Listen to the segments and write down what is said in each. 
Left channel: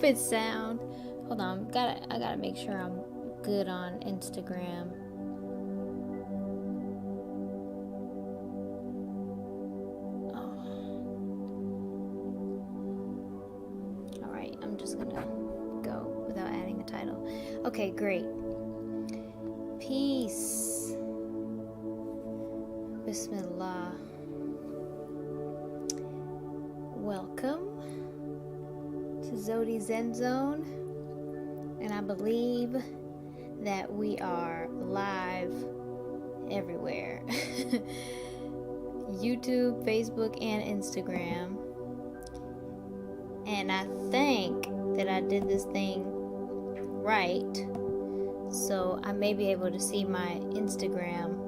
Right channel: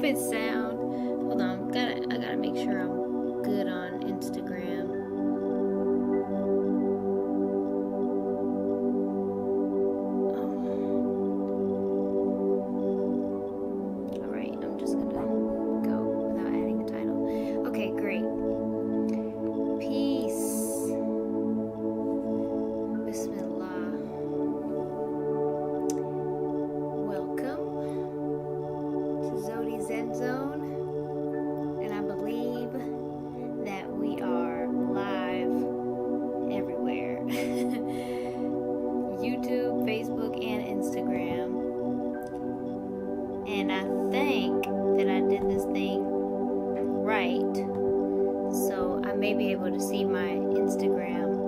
stupid sound. Hold on, I gotta make sure I'm good on Instagram. Alright, I'm just gonna go without adding a title. Okay, great. Peace. Bismillah. Welcome to Zewdy Zen Zone, and I believe that we are live everywhere. YouTube, Facebook, and Instagram. And I think that I did this thing right, so I may be able to see my Instagram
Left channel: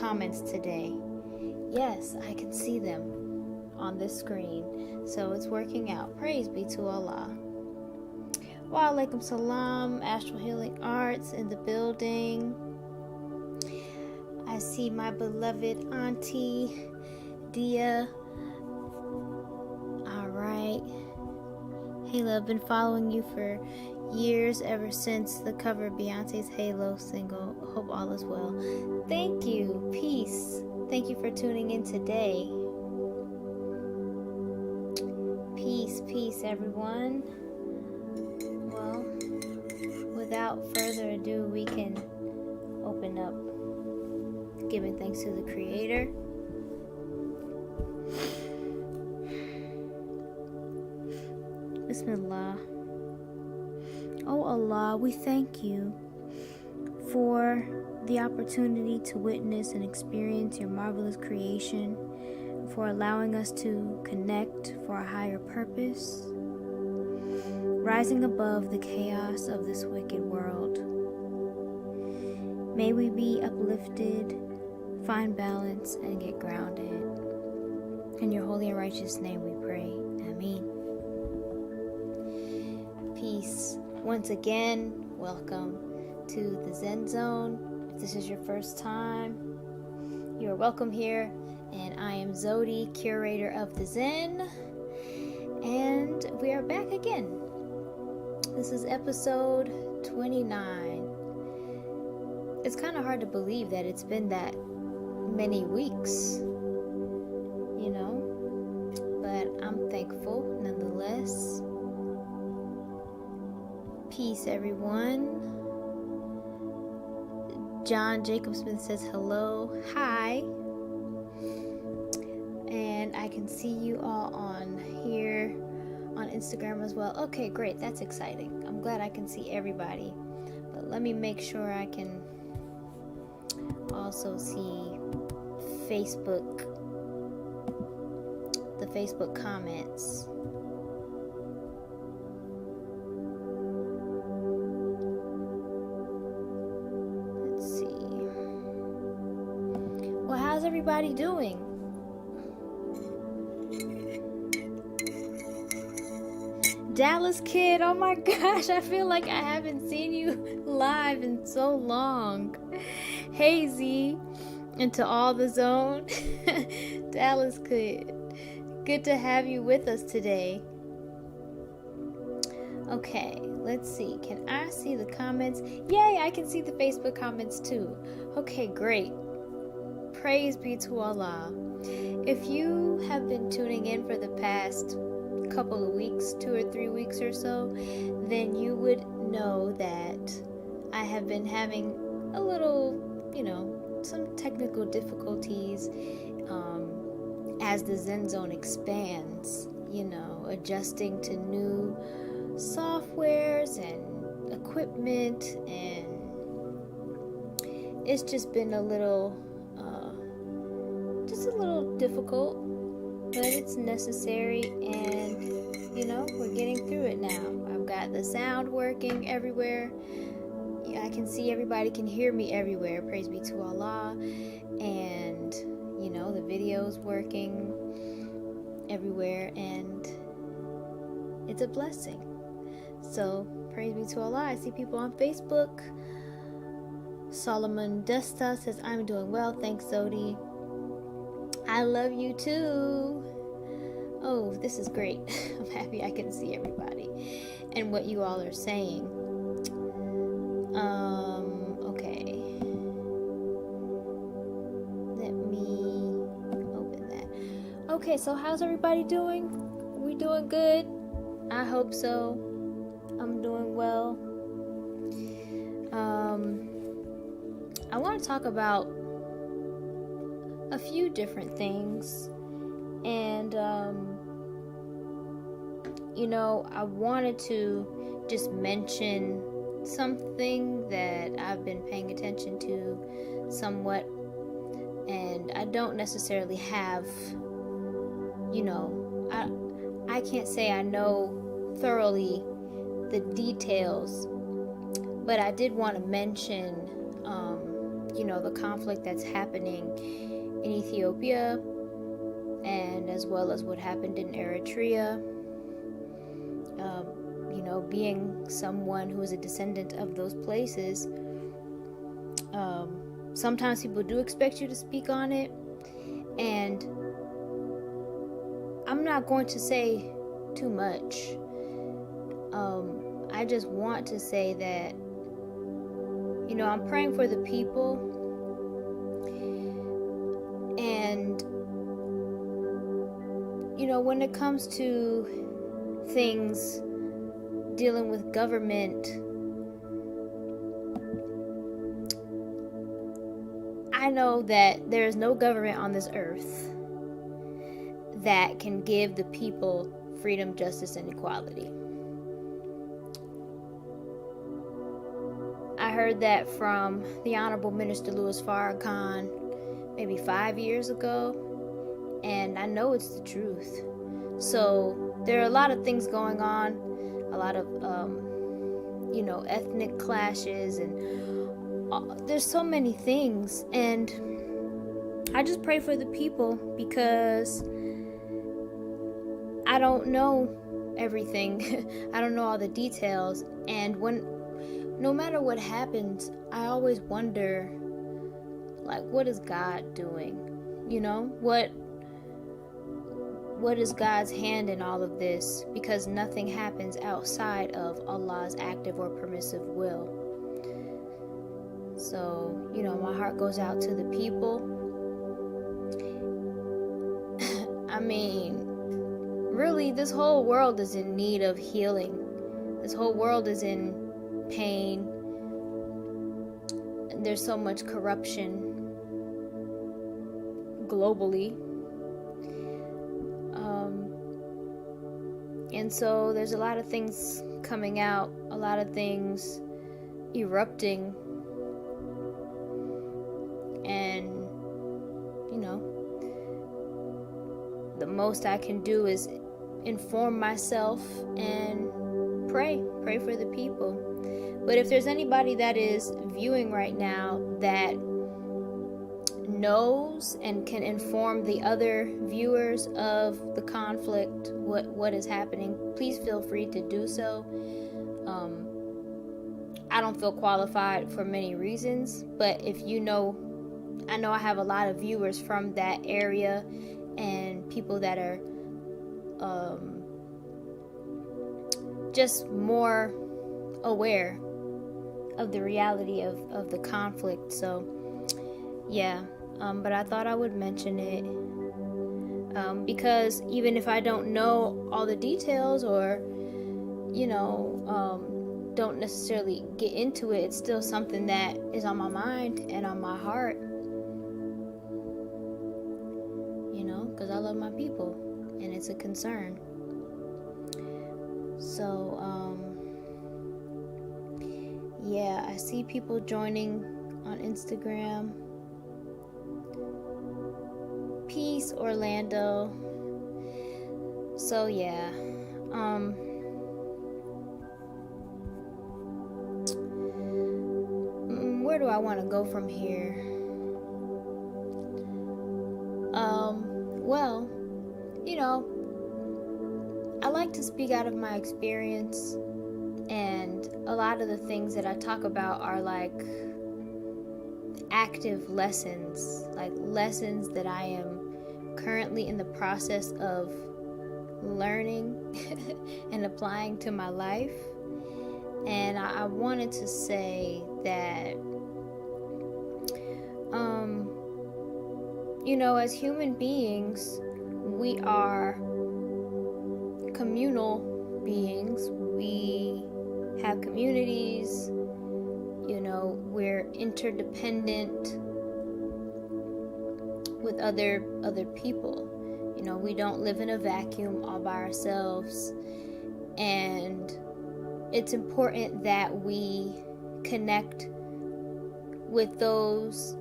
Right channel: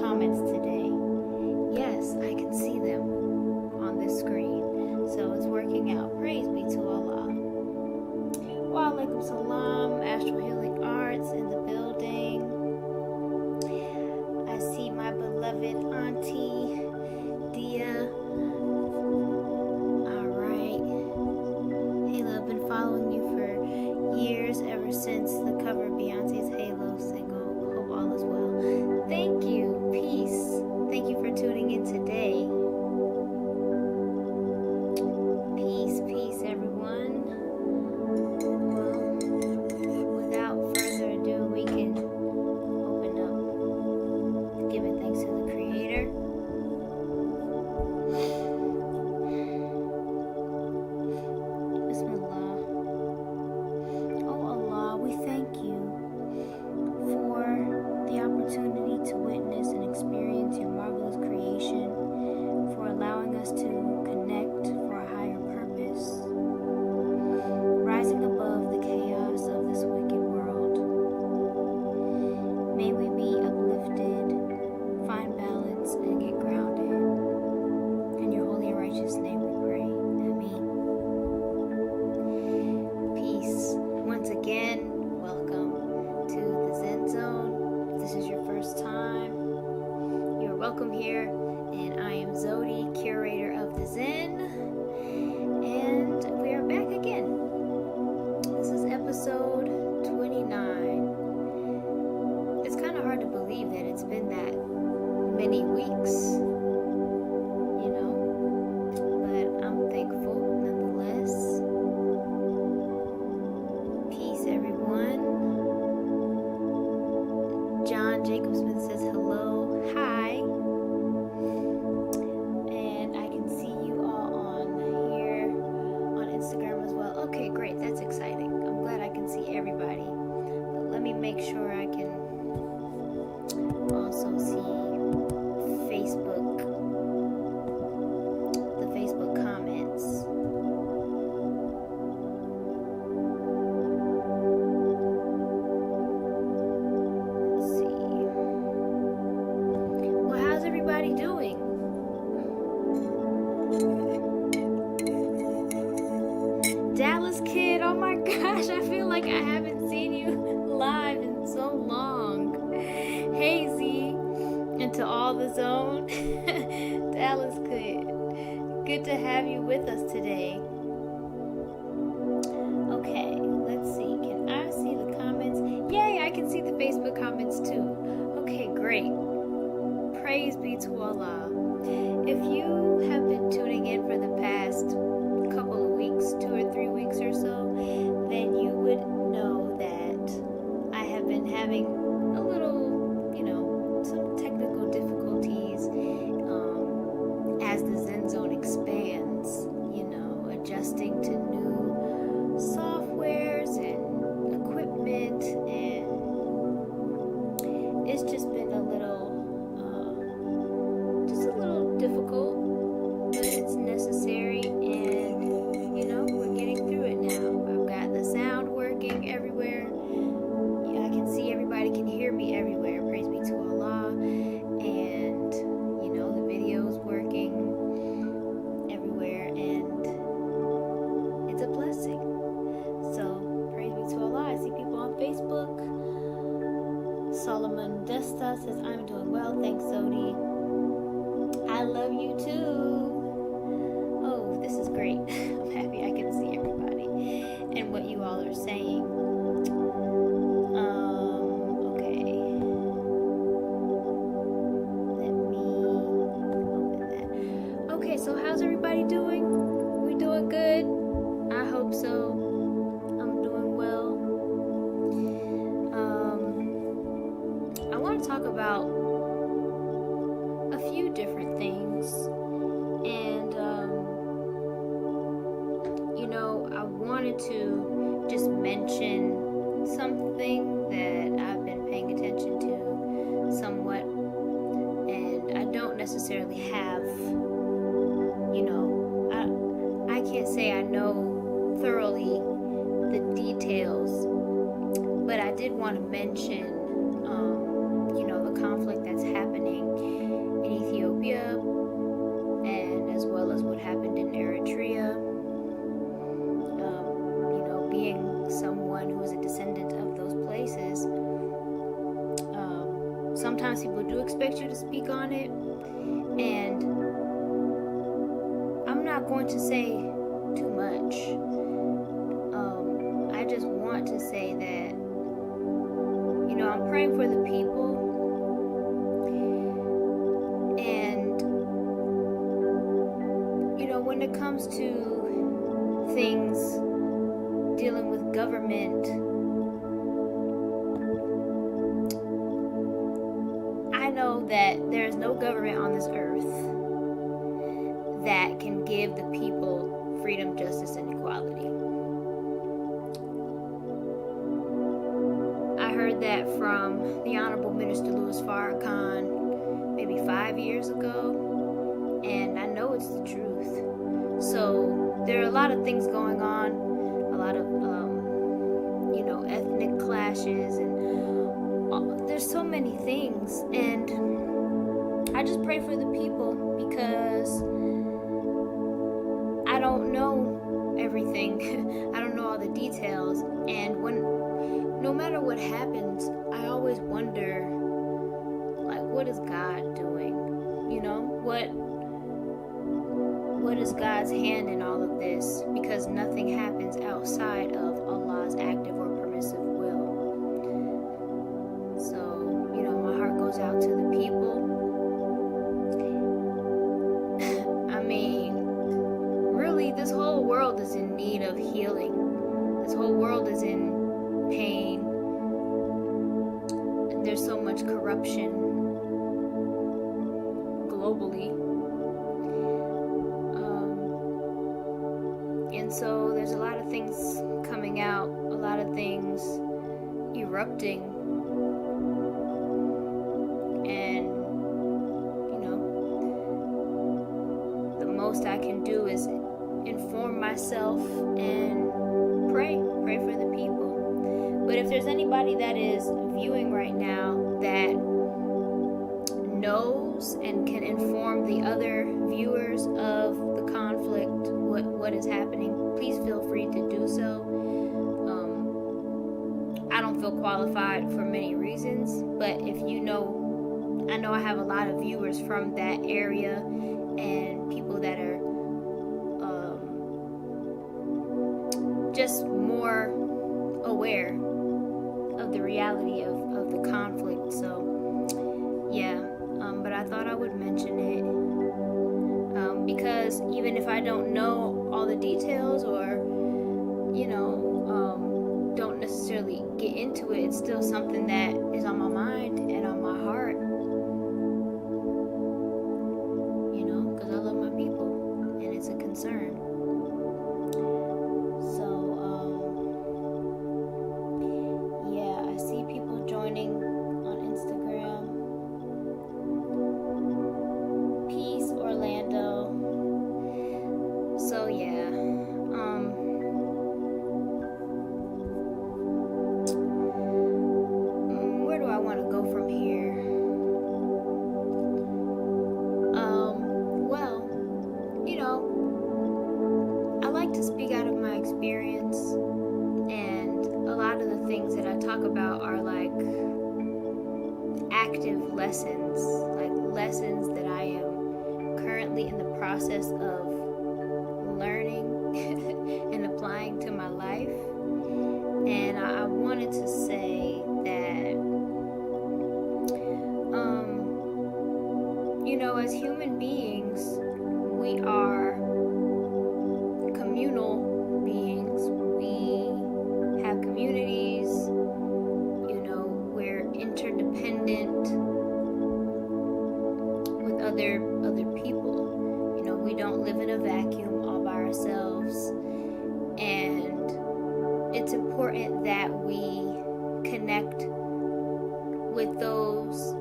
comments today. Yes, I can see them on this screen, so it's working out. Praise be to Allah. Wa alaikum salam. Astral Healing Arts in the building. I see my beloved auntie Dia. Alright. Halo, I've been following you for years, ever since the cover of Beyonce's Halo single. Hope all is well. Thank you. Peace. Thank you for tuning in today. Peace, peace, everyone. Well, without further ado, we can open up giving thanks to the Creator. Bismillah. Oh Allah, we thank you for the opportunity to witness and experience your marvelous creation, for allowing us to connect for a higher purpose, rising above the chaos of this wicked world. May we be uplifted, find balance, and get grounded. In your holy and righteous name we pray. Ameen. Peace. Once again, welcome to the Zen Zone. If this is your first time, you're welcome here. And I am Zewdy, curator of the Zen. And we are back again. This is episode 29. It's kind of hard to believe that it's been that many weeks, you know, but I'm thankful nonetheless. Peace, everyone. John Jacob Smith says hello, hi, and I can see you all on here on Instagram as well. Okay, great, that's exciting. I'm glad I can see everybody, but let me make sure I can also see Facebook, the Facebook comments. How's everybody doing? Dallas Kid, oh my gosh, I feel like I haven't seen you live in so long. Hey Z, and to all the zone. Dallas Kid, good to have you with us today. Okay, let's see, can I see the comments? Yay, I can see the Facebook comments too. Okay, great. Praise be to Allah. If you have been tuning in for the past couple of weeks, 2 or 3 weeks or so, then you would know that I have been having a little, some technical difficulties as the Zen Zone expands, adjusting to new softwares and equipment, and it's just been a little difficult, but it's necessary, and we're getting through it now. I've got the sound working everywhere. I can see everybody, can hear me everywhere. Praise be to Allah. And the video's working everywhere, and it's a blessing. So praise be to Allah. I see people on Facebook. Solomon Desta says, I'm doing well, thanks Zewdy. I love you too. Oh, this is great. I'm happy I can see everybody and what you all are saying. Okay. Let me open that. Okay, so how's everybody doing? We doing good? I hope so. I'm doing well. I want to talk about a few different things, and I wanted to just mention something that I've been paying attention to somewhat, and I don't necessarily have, I can't say I know thoroughly the details, but I did want to mention the conflict that's happening in Ethiopia, and as well as what happened in Eritrea. Being someone who is a descendant of those places, sometimes people do expect you to speak on it, and I'm not going to say too much. I just want to say that I'm praying for the people, and when it comes to things dealing with government, I know that there's no government on this earth that can give the people freedom, justice, and equality. I heard that from the Honorable Minister Louis Farrakhan maybe 5 years ago, and I know it's the truth. So there are a lot of things going on, a lot of ethnic clashes, and there's so many things, and I just pray for the people because I don't know everything. I don't know all the details, and no matter what happens, I always wonder, like, what is God doing? What is God's hand in all of this? Because nothing happens outside of Allah's active or permissive will. So, my heart goes out to the people. I mean, really, this whole world is in need of healing. This whole world is in pain. There's so much corruption globally. And so there's a lot of things coming out, a lot of things erupting, and the most I can do is inform myself and pray for the people. But if there's anybody that is viewing right now that knows and can inform the other viewers of the conflict, what is happening, please feel free to do so. I don't feel qualified for many reasons, but if I know I have a lot of viewers from that area and people that are just more aware of the reality of the conflict. So yeah, but I thought I would mention it because even if I don't know all the details or don't necessarily get into it, it's still something that is on my mind and on my heart, because I love my people and it's a concern. So yeah, I see people joining on Instagram. Peace, Orlando. So yeah, where do I want to go from here? Well, I like to speak out of my experience, and a lot of the things that I talk about are like active lessons, like lessons that I am currently in the process of learning and applying to my life. And I wanted to say that, as human beings, we are communal beings. We have communities, we're interdependent with other people. We don't live in a vacuum all by ourselves. And it's important that we connect with those,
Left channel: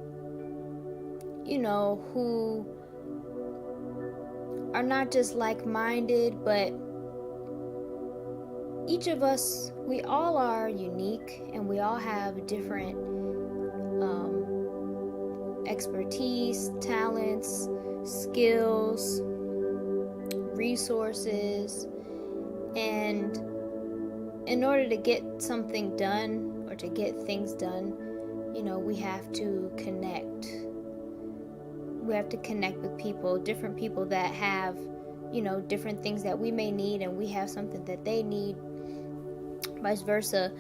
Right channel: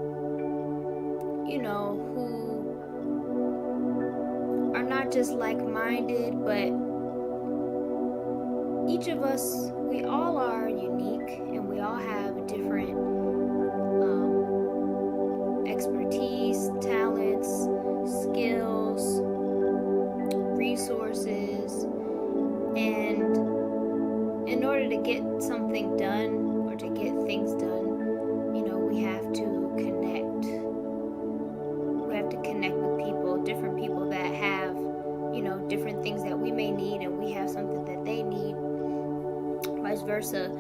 who are not just like-minded, but each of us, we all are unique, and we all have different expertise, talents, skills, resources, and in order to get something done or to get things done, we have to connect. We have to connect with people, different people that have, different things that we may need, and we have something that they need, vice versa.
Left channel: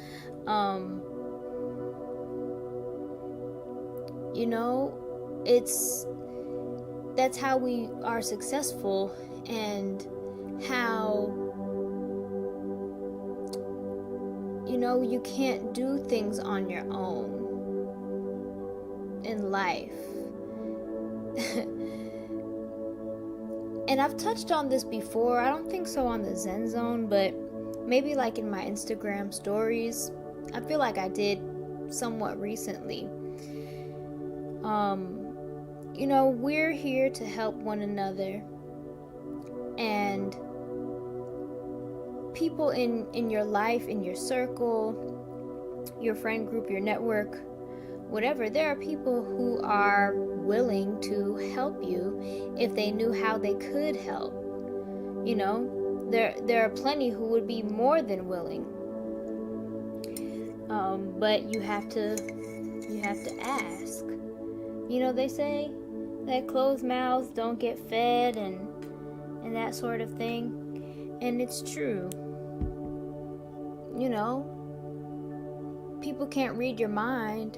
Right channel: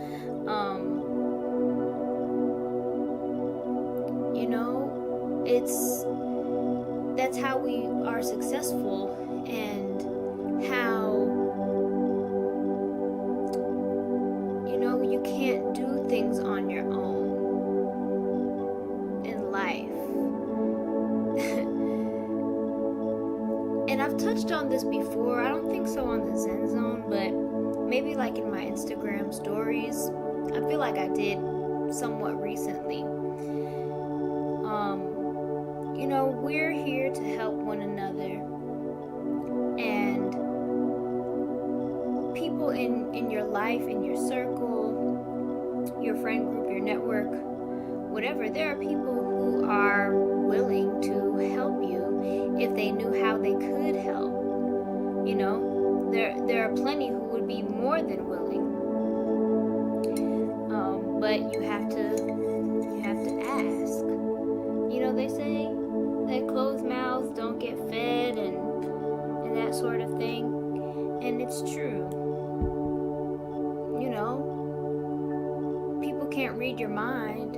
That's how we are successful, and how, you can't do things on your own in life. And I've touched on this before. I don't think so on the Zen Zone, but maybe like in my Instagram stories. I feel like I did somewhat recently. We're here to help one another, and people in your life, in your circle, your friend group, your network, whatever, there are people who are willing to help you if they knew how they could help. There are plenty who would be more than willing, but you have to ask. They say that closed mouths don't get fed, and that sort of thing, and it's true. People can't read your mind,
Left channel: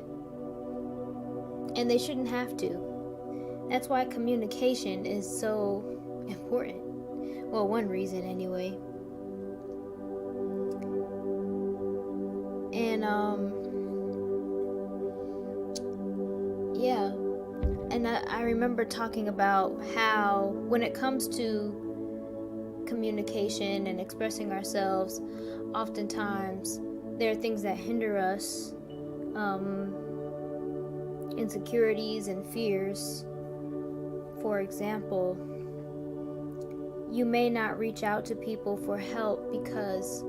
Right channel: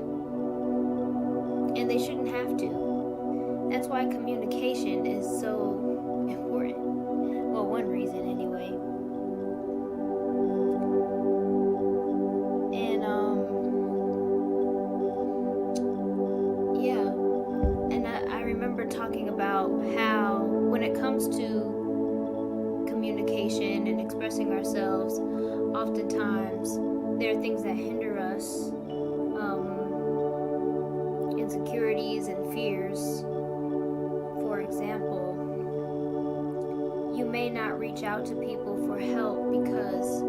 and they shouldn't have to. That's why communication is so important. Well, one reason anyway. And I remember talking about how when it comes to communication and expressing ourselves, oftentimes there are things that hinder us, insecurities and fears. For example, you may not reach out to people for help because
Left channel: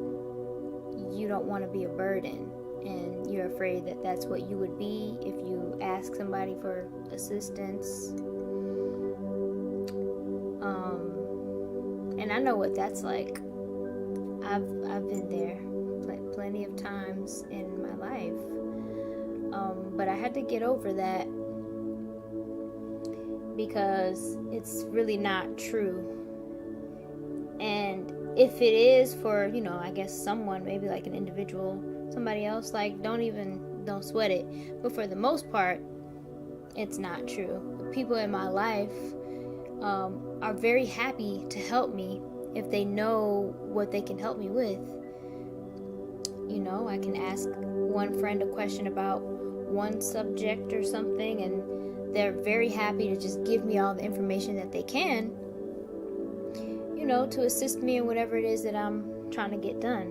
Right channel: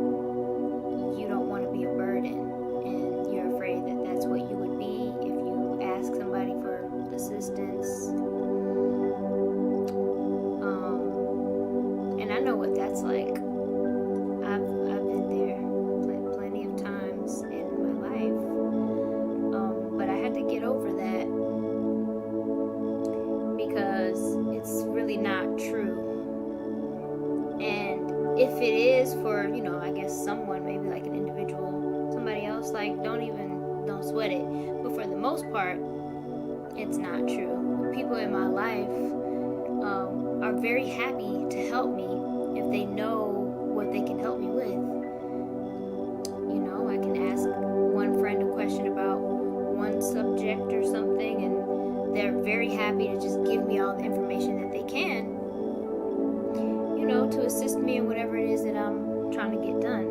you don't want to be a burden, and you're afraid that that's what you would be if you ask somebody for assistance. And I know what that's like. I've been there plenty of times in my life, but I had to get over that because it's really not true. And if it is for, I guess someone, maybe like an individual, somebody else, like don't sweat it. But for the most part, it's not true. People in my life are very happy to help me if they know what they can help me with. I can ask one friend a question about one subject or something, and they're very happy to just give me all the information that they can, to assist me in whatever it is that I'm trying to get done.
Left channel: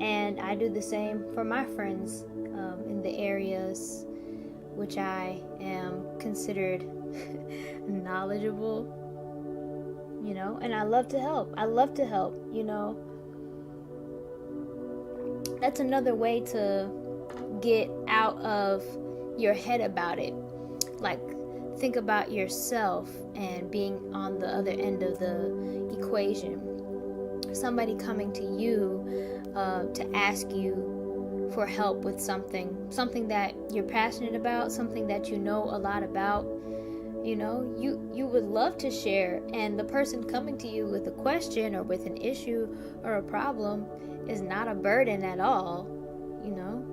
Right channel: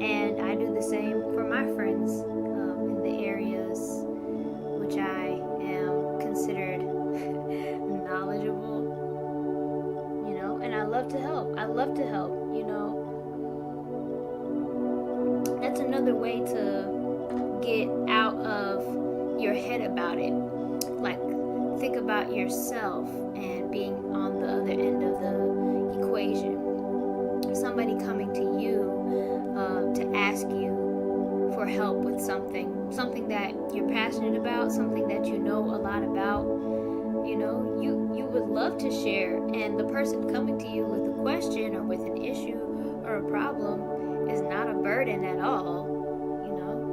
And I do the same for my friends in the areas which I am considered knowledgeable, and I love to help. That's another way to get out of your head about it. Like, think about yourself and being on the other end of the equation. Somebody coming to you to ask you for help with something that you're passionate about, something that you know a lot about, You know, you would love to share, and the person coming to you with a question or with an issue or a problem is not a burden at all, you know.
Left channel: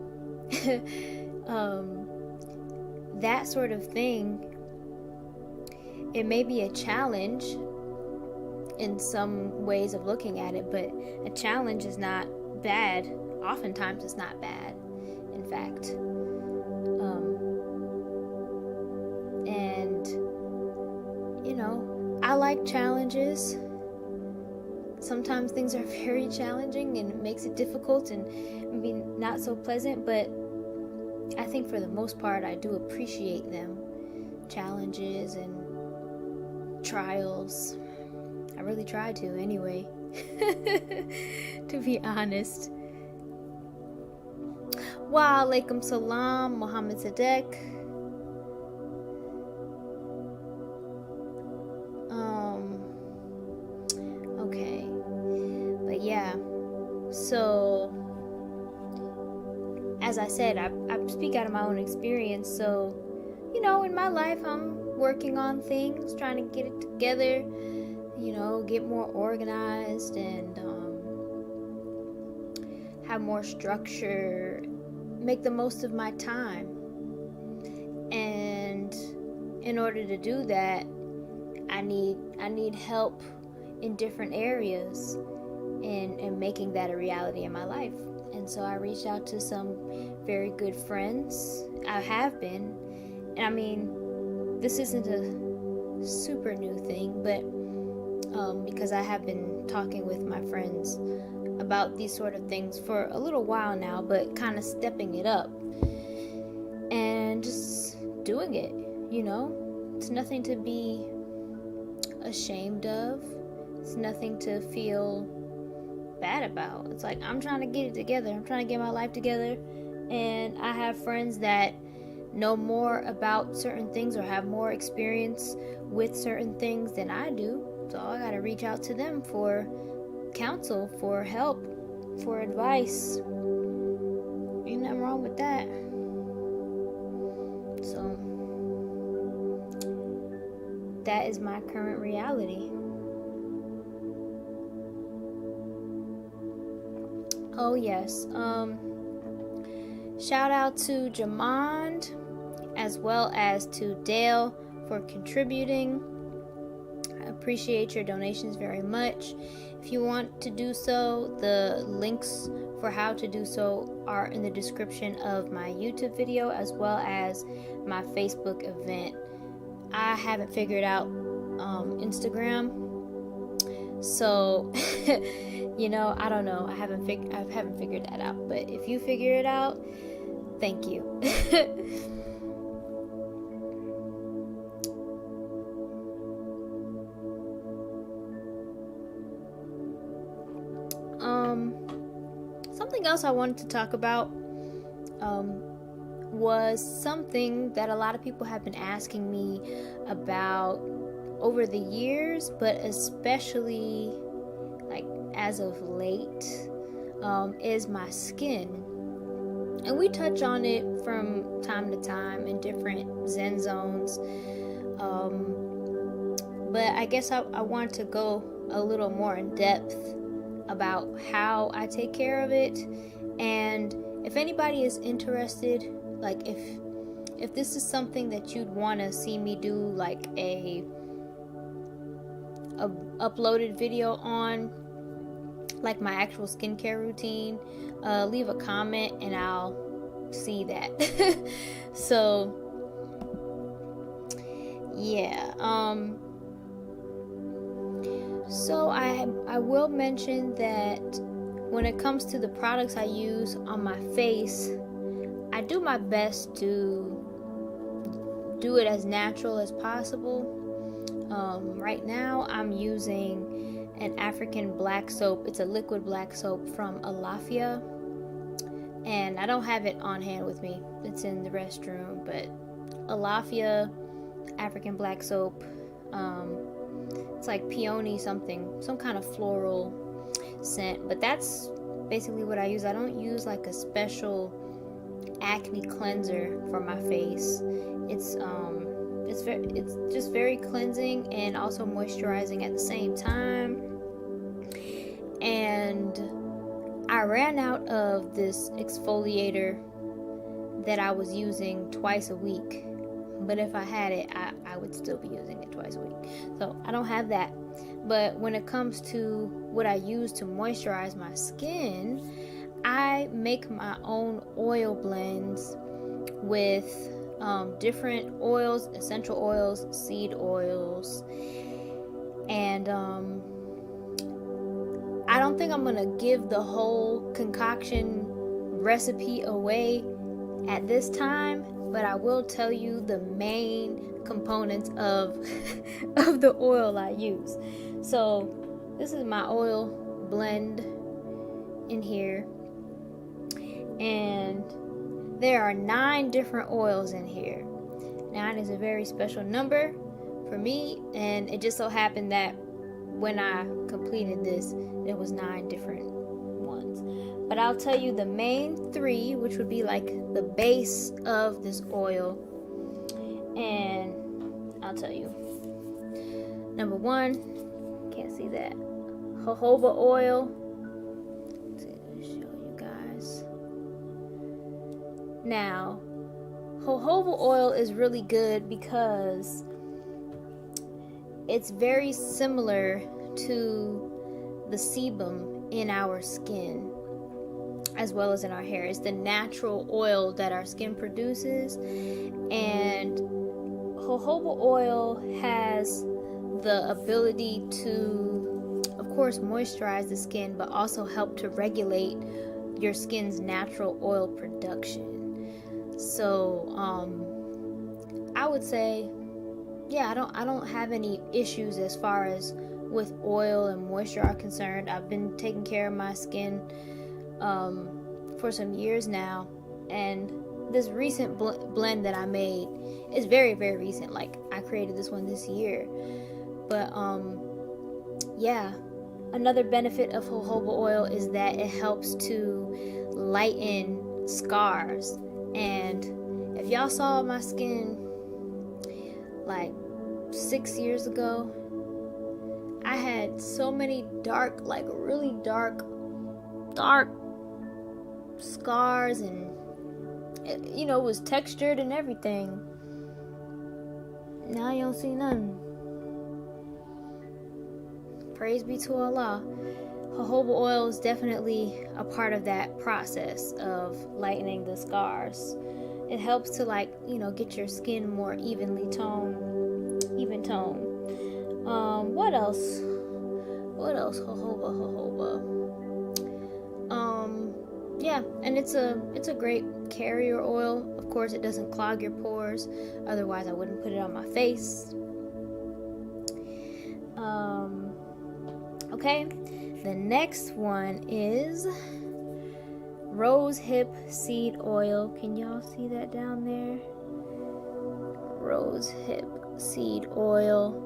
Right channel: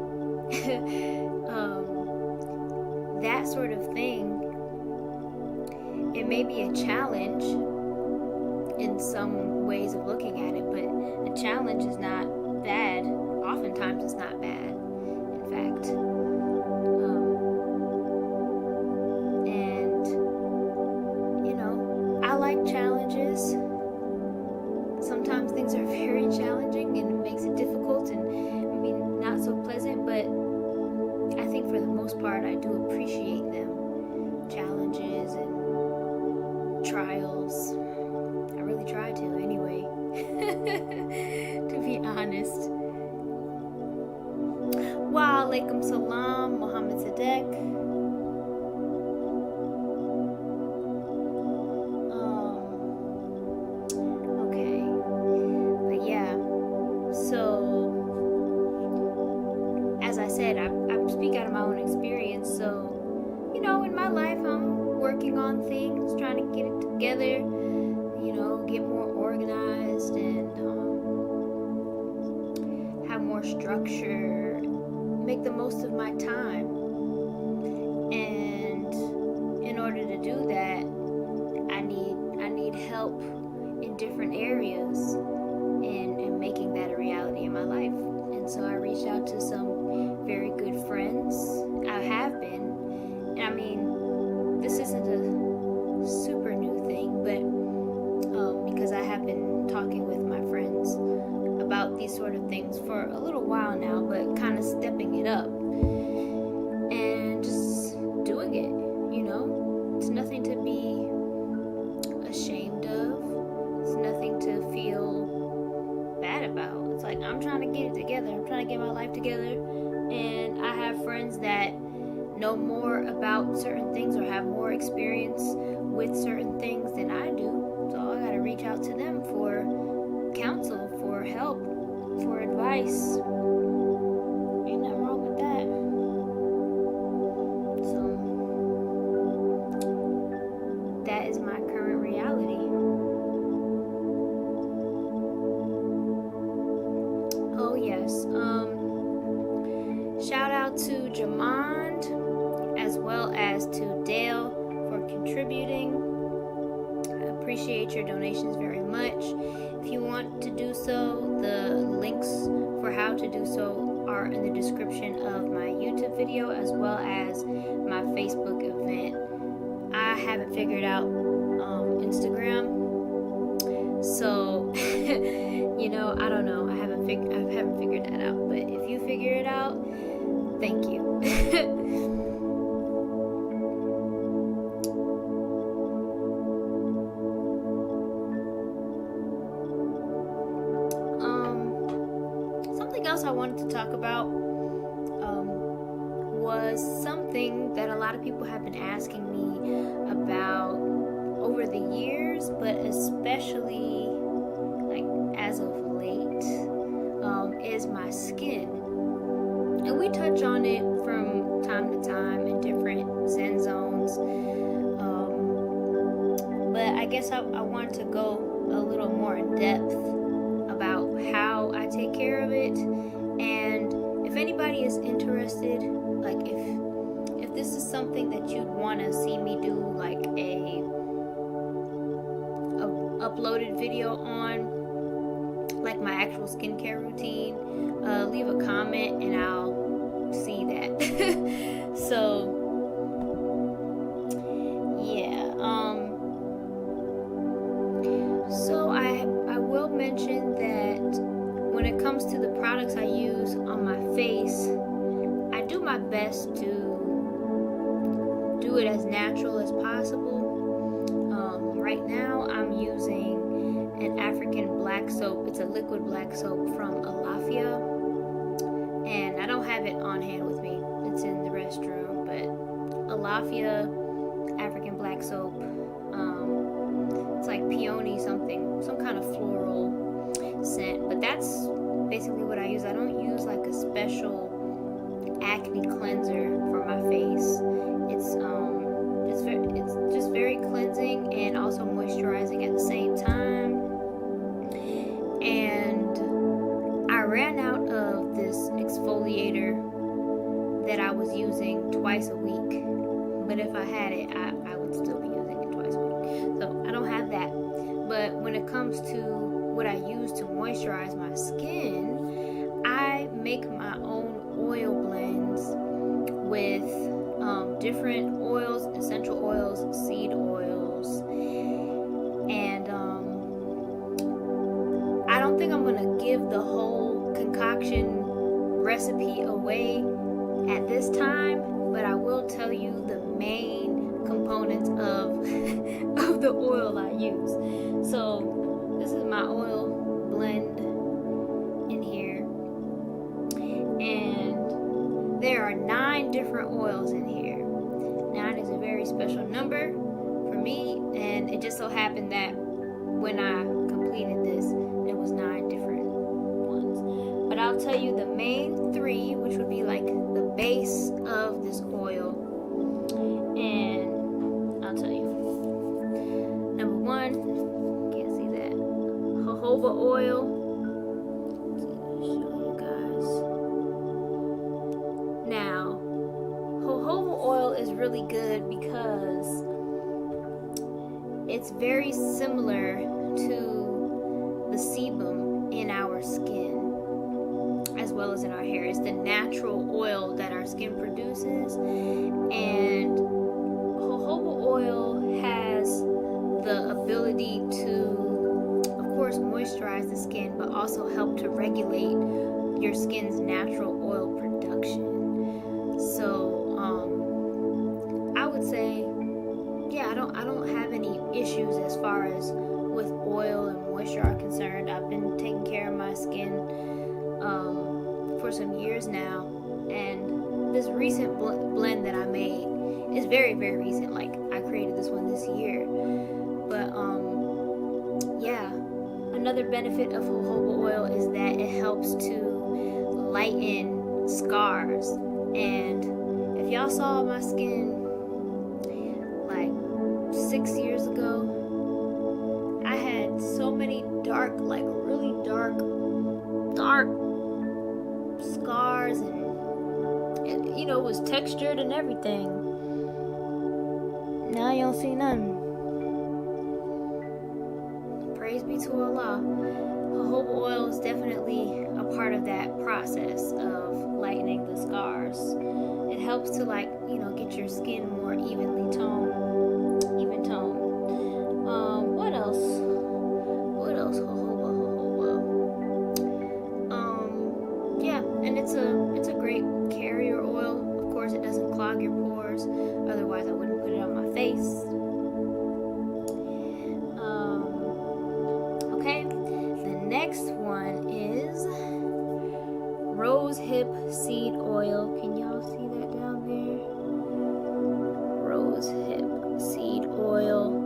That sort of thing, it may be a challenge in some ways of looking at it, but a challenge is not bad. Oftentimes it's not bad, in fact. And, you know, I like challenges. Sometimes things are very challenging and it makes it difficult and maybe not so pleasant, but I think for the most part I do appreciate them. Challenges and trials. I really try to anyway. To be honest. Wa alaikum salam, Muhammad Sadek. Okay. But yeah. So, as I said, I speak out of my own experience. So, you know, in my life, I'm working on things, trying to get it together, you know, get more organized and have more structure, make the most of my time. And in order to do that, I need help in different areas in making that a reality in my life. And so I reached out to some very good friends. I have been. And I mean, this isn't a super new thing, but because I have been talking with my friends about these sort of things for a little while now, but kind of stepping it up and just doing it, you know? It's nothing to be ashamed of. It's nothing to feel bad about. It's like, I'm trying to get it together. I'm trying to get my life together. And I have friends that know more about certain things or have more experience with certain things than I do. So I gotta reach out to them for counsel, for help, for advice. Ain't nothing wrong with that. So that is my current reality. Oh yes. Shout out to Jamond as well as to Dale for contributing. I appreciate your donations very much. If you want to do so, the links for how to do so are in the description of my YouTube video as well as my Facebook event. I haven't figured out Instagram, so you know, I don't know. I haven't figured that out. But if you figure it out, thank you. Something else I wanted to talk about was something that a lot of people have been asking me about over the years, but especially like as of late, is my skin. And we touch on it from time to time in different Zen zones. But I guess I want to go a little more in depth about how I take care of it. And if anybody is interested, like if this is something that you'd want to see me do like a uploaded video on, like my actual skincare routine, leave a comment and I'll see that. So yeah, so I will mention that when it comes to the products I use on my face, I do my best to do it as natural as possible. Right now I'm using an African black soap. It's a liquid black soap from Alafia, and I don't have it on hand with me. It's in the restroom, but Alafia African black soap. It's like peony something, some kind of floral scent, but that's basically what I use. I don't use like a special acne cleanser for my face. It's just it's very cleansing and also moisturizing at the same time. And I ran out of this exfoliator that I was using twice a week. But if I had it, I would still be using it twice a week. So I don't have that. But when it comes to what I use to moisturize my skin, I make my own oil blends with different oils, essential oils, seed oils. And I don't think I'm going to give the whole concoction recipe away at this time, but I will tell you the main components of the oil I use. So this is my oil blend in here, and there are 9 different oils in here. 9 is a very special number for me, and it just so happened that when I completed this, there was 9 different ones. But I'll tell you the main 3, which would be like the base of this oil. And I'll tell you. Number 1, can't see that, jojoba oil. Let's show you guys. Now, jojoba oil is really good because it's very similar to the sebum in our skin as well as in our hair. It's the natural oil that our skin produces, and jojoba oil has the ability to, of course, moisturize the skin, but also help to regulate your skin's natural oil production. So I would say, yeah, I don't have any issues as far as with oil and moisture are concerned. I've been taking care of my skin for some years now, and this recent blend that I made is very, very recent. Like, I created this one this year. But yeah, another benefit of jojoba oil is that it helps to lighten scars. And if y'all saw my skin like 6 years ago, I had so many dark, like really dark scars, and it, you know, was textured and everything. Now you don't see none. Praise be to Allah. Jojoba oil is definitely a part of that process of lightening the scars. It helps to, like, you know, get your skin more even toned. What else? Jojoba. Yeah, and it's a great carrier oil. Of course, it doesn't clog your pores. Otherwise, I wouldn't put it on my face. Okay, the next one is rosehip seed oil. Can y'all see that down there? Rosehip seed oil.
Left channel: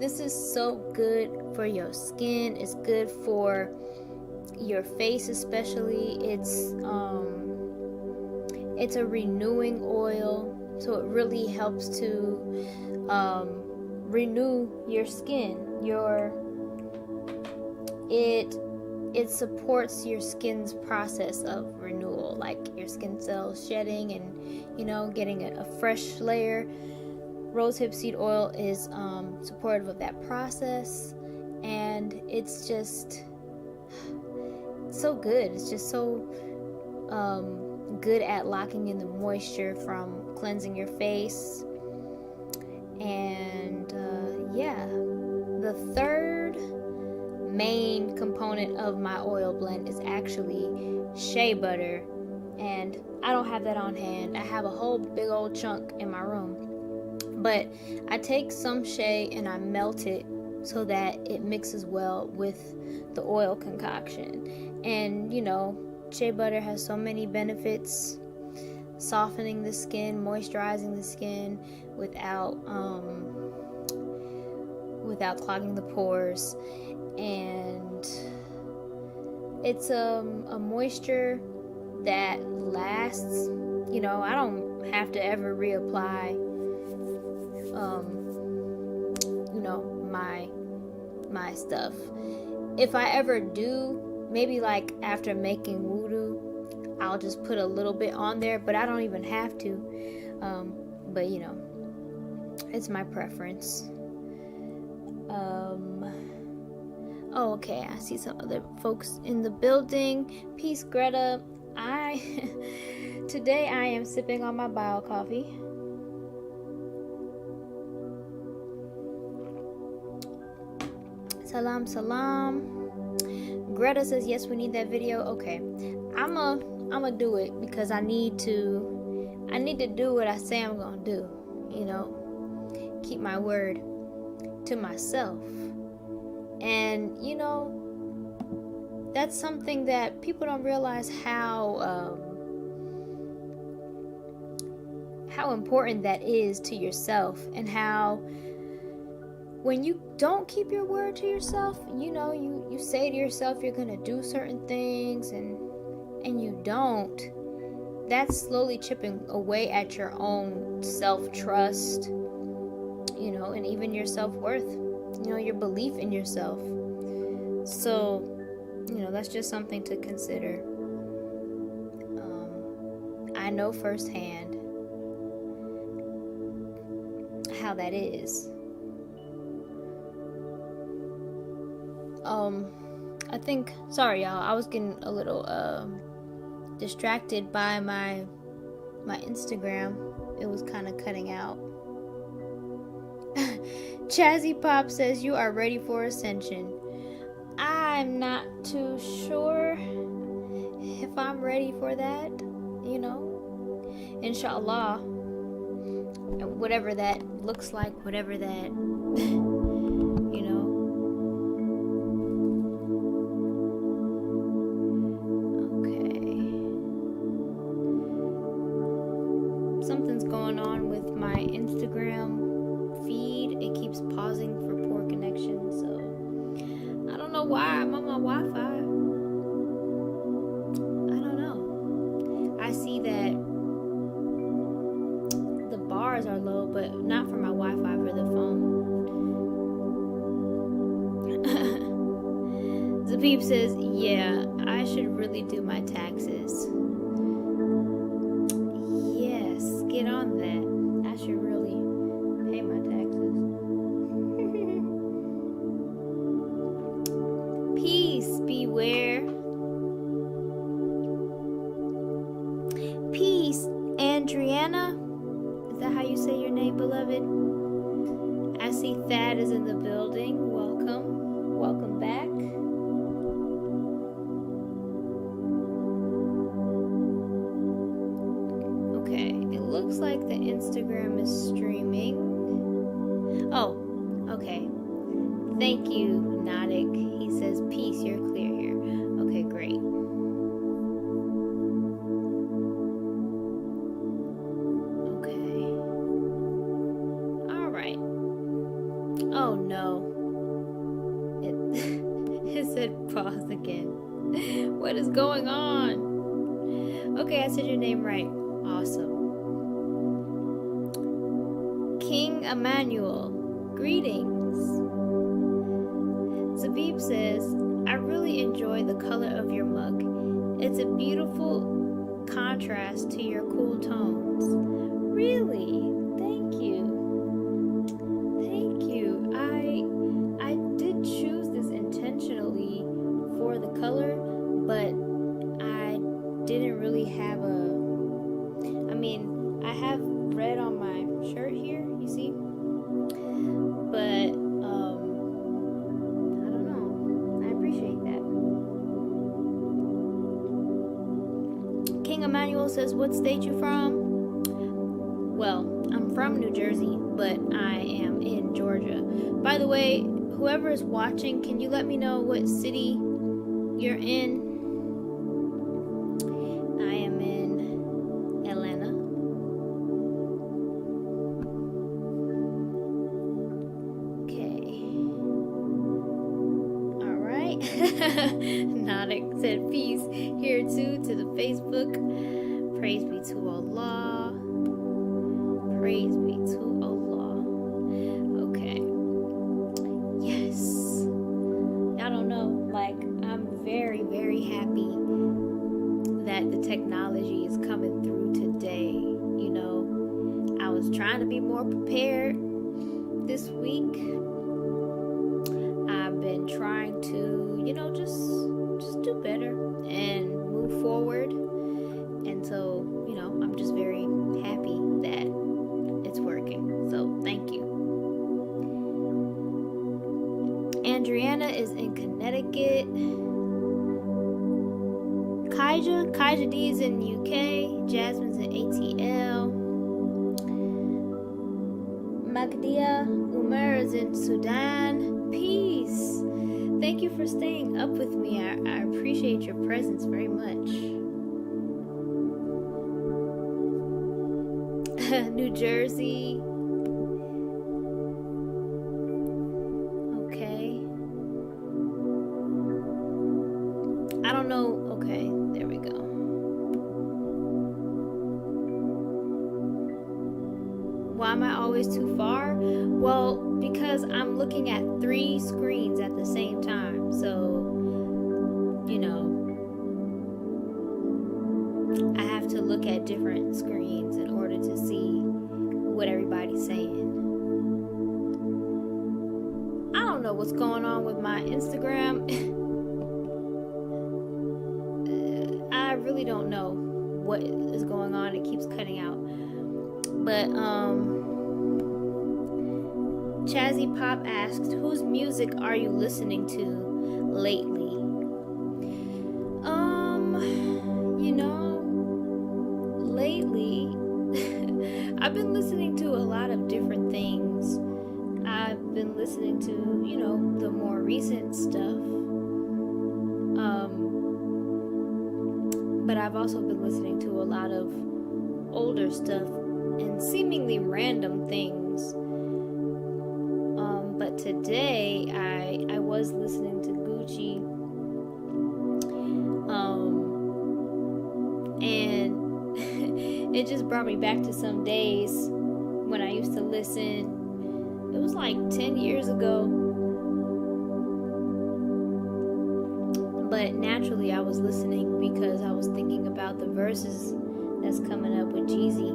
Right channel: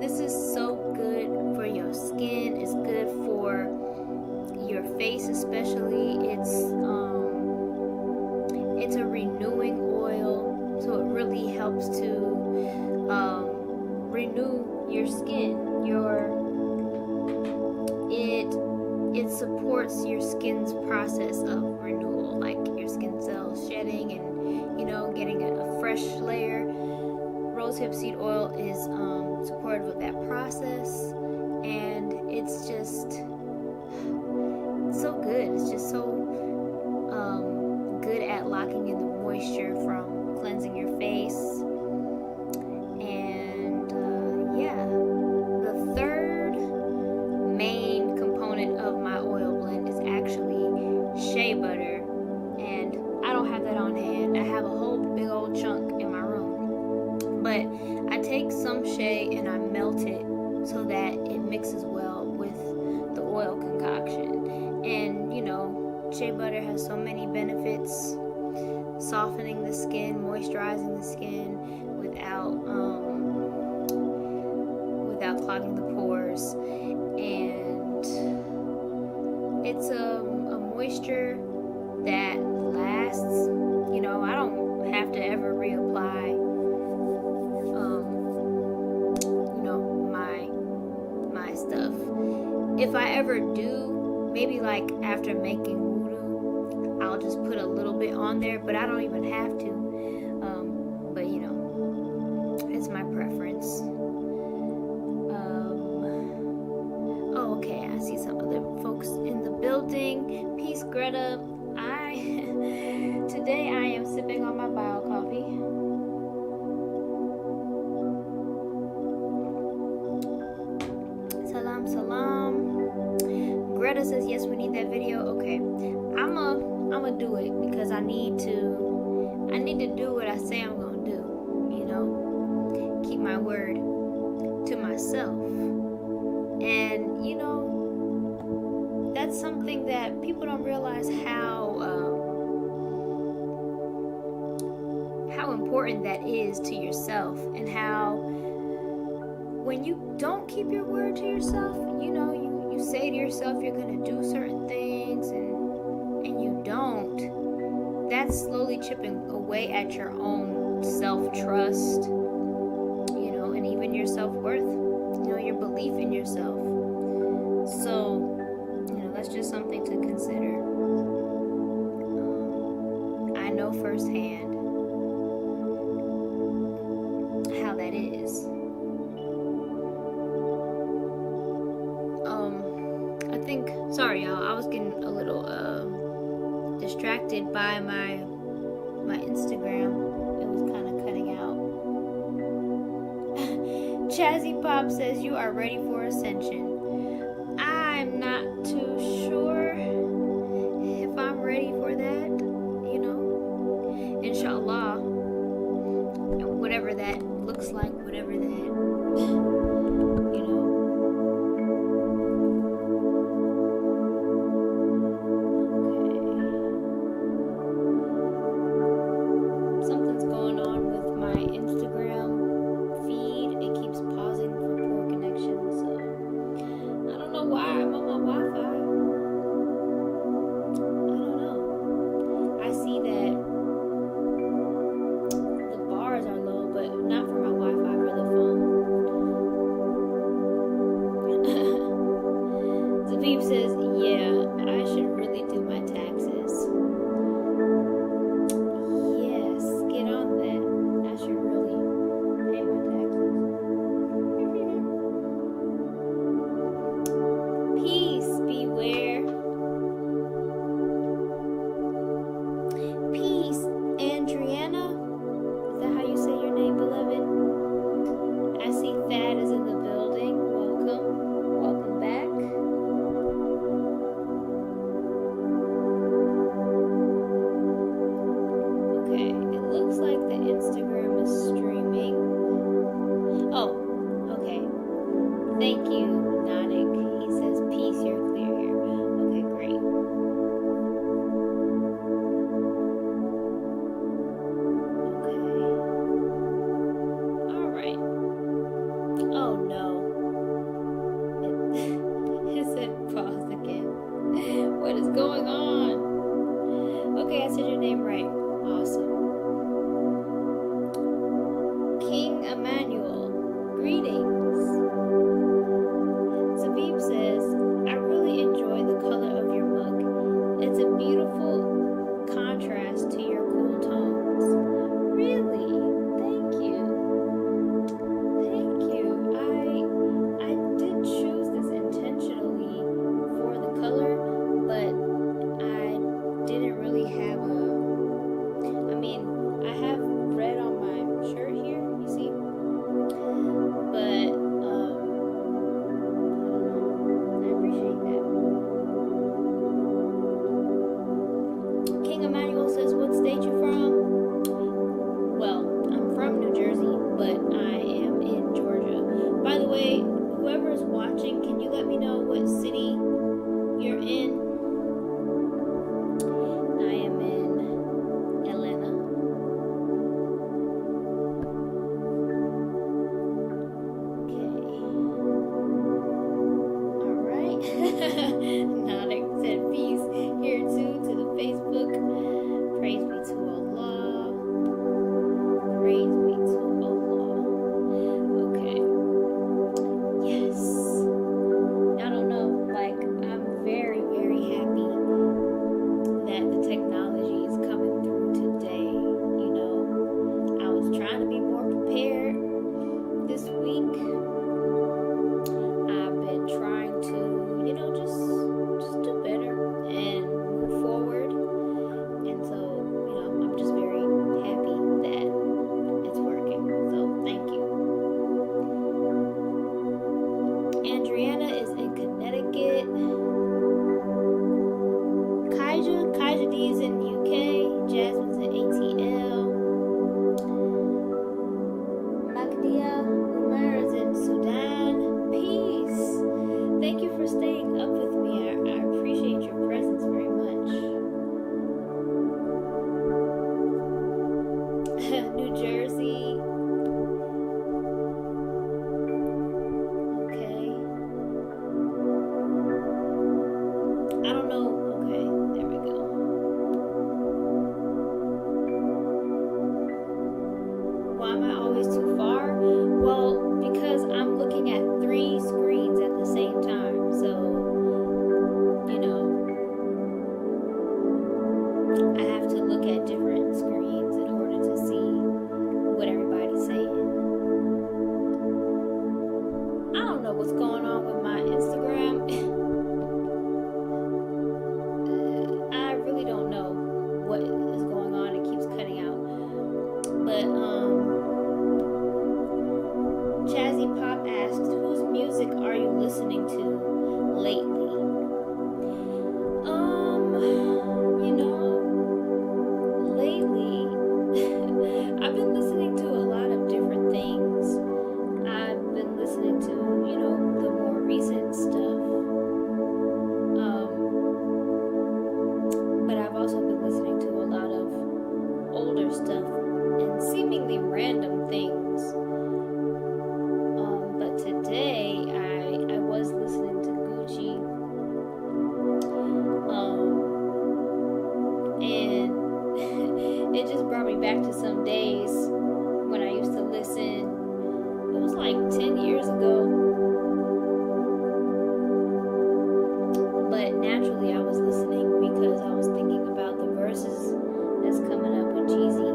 This is so good for your skin. It's good for your face, especially. It's a renewing oil, so it really helps to renew your skin. It supports your skin's process of renewal, like your skin cells shedding and, you know, getting a fresh layer. Rosehip seed oil is supportive of that process, and it's just so good. It's just so good at locking in the moisture from cleansing your face. And yeah, the third main component of my oil blend is actually shea butter, and I don't have that on hand. I have a whole big old chunk in my room, but I take some shea and I melt it so that it mixes well with the oil concoction. And you know, shea butter has so many benefits: softening the skin, moisturizing the skin without clogging the pores, and it's a moisture that lasts. You know, I don't have to ever reapply stuff. If I ever do, maybe like after making wudu, I'll just put a little bit on there, but I don't even have to. But you know, it's my preference. Oh, okay, I see some other folks in the building. Peace, Greta. Today I am sipping on my bio coffee. Salam, salam. Greta says yes, we need that video. Okay, I'ma do it because I need to do what I say I'm gonna do. You know, keep my word to myself. And you know, that's something that people don't realize how important that is to yourself, and how when you don't keep your word to yourself, you know, you say to yourself you're gonna do certain things and you don't. That's slowly chipping away at your own self-trust, you know, and even your self-worth, you know, your belief in yourself. So, you know, that's just something to consider. I know firsthand how that is. I think, sorry y'all, I was getting a little distracted by my Instagram. It was kind of cutting out. Chazzy Pop says you are ready for ascension. I'm not too sure if I'm ready for that, you know. Insha'Allah, whatever that looks like, whatever that, you know. Okay. Something's going on with my Instagram feed. It keeps pausing for poor connection, so I don't know why I'm on my Wi-Fi. I don't know. I see that the bars are low, but not for my Wi-Fi, for the phone. Zabib says, yeah, I should really do my taxes. Yes, get on that. I should really pay my taxes. Peace, beware. Peace, Adriana. Is that how you say your name, beloved? I see Thad is in the building. Welcome. Welcome back. Okay, it looks like the Instagram is streaming. Oh, okay. Thank you, Nadik. He says, peace, you're clear here. Okay, great. Okay. Alright. Oh no. It said pause again. What is going on? Okay, I said your name right. Awesome. King Emmanuel, greetings. Zabib says, I really enjoy the color of your mug. It's a beautiful contrast to your cool tones. Really? Thank you. Thank you. I did choose this intentionally for the color, but I didn't really have I have red on my shirt here, you see? But, I don't know. I appreciate that. King Emmanuel says, what state you from? Well, I'm from New Jersey, but I am in Georgia. By the way, whoever is watching, can you let me know what city you're in? I am in Atlanta. Okay. Alright. Nadik said peace here too to the Facebook. Praise be to Allah. Praise be to Allah. Okay. Yes. week. I've been trying to, just do better and move forward. And so, I'm just very happy that it's working. So, thank you. Adriana is in Connecticut. Kaija D is in UK. Jasmine's in ATL. Magdia Umar is in Sudan. Peace. Thank you for staying up with me. I appreciate your presence very much. New Jersey. Okay. I don't know. Okay, there we go. Why am I always too far? Well, because I'm looking at 3 screens at the same time. So, I have to look at different screens in order to see what everybody's saying. I don't know what's going on with my Instagram. I really don't know what is going on. It keeps cutting out. But, Chazzy Pop asked, whose music are you listening to lately? Lately, I've been listening to a lot of different things. I've been listening to, the more recent stuff. But I've also been listening to a lot of older stuff and seemingly random things. But today I was listening to Gucci. And it just brought me back to some days when I used to listen. It was like 10 years ago. But naturally I was listening because I was thinking about the verses that's coming up with Jeezy.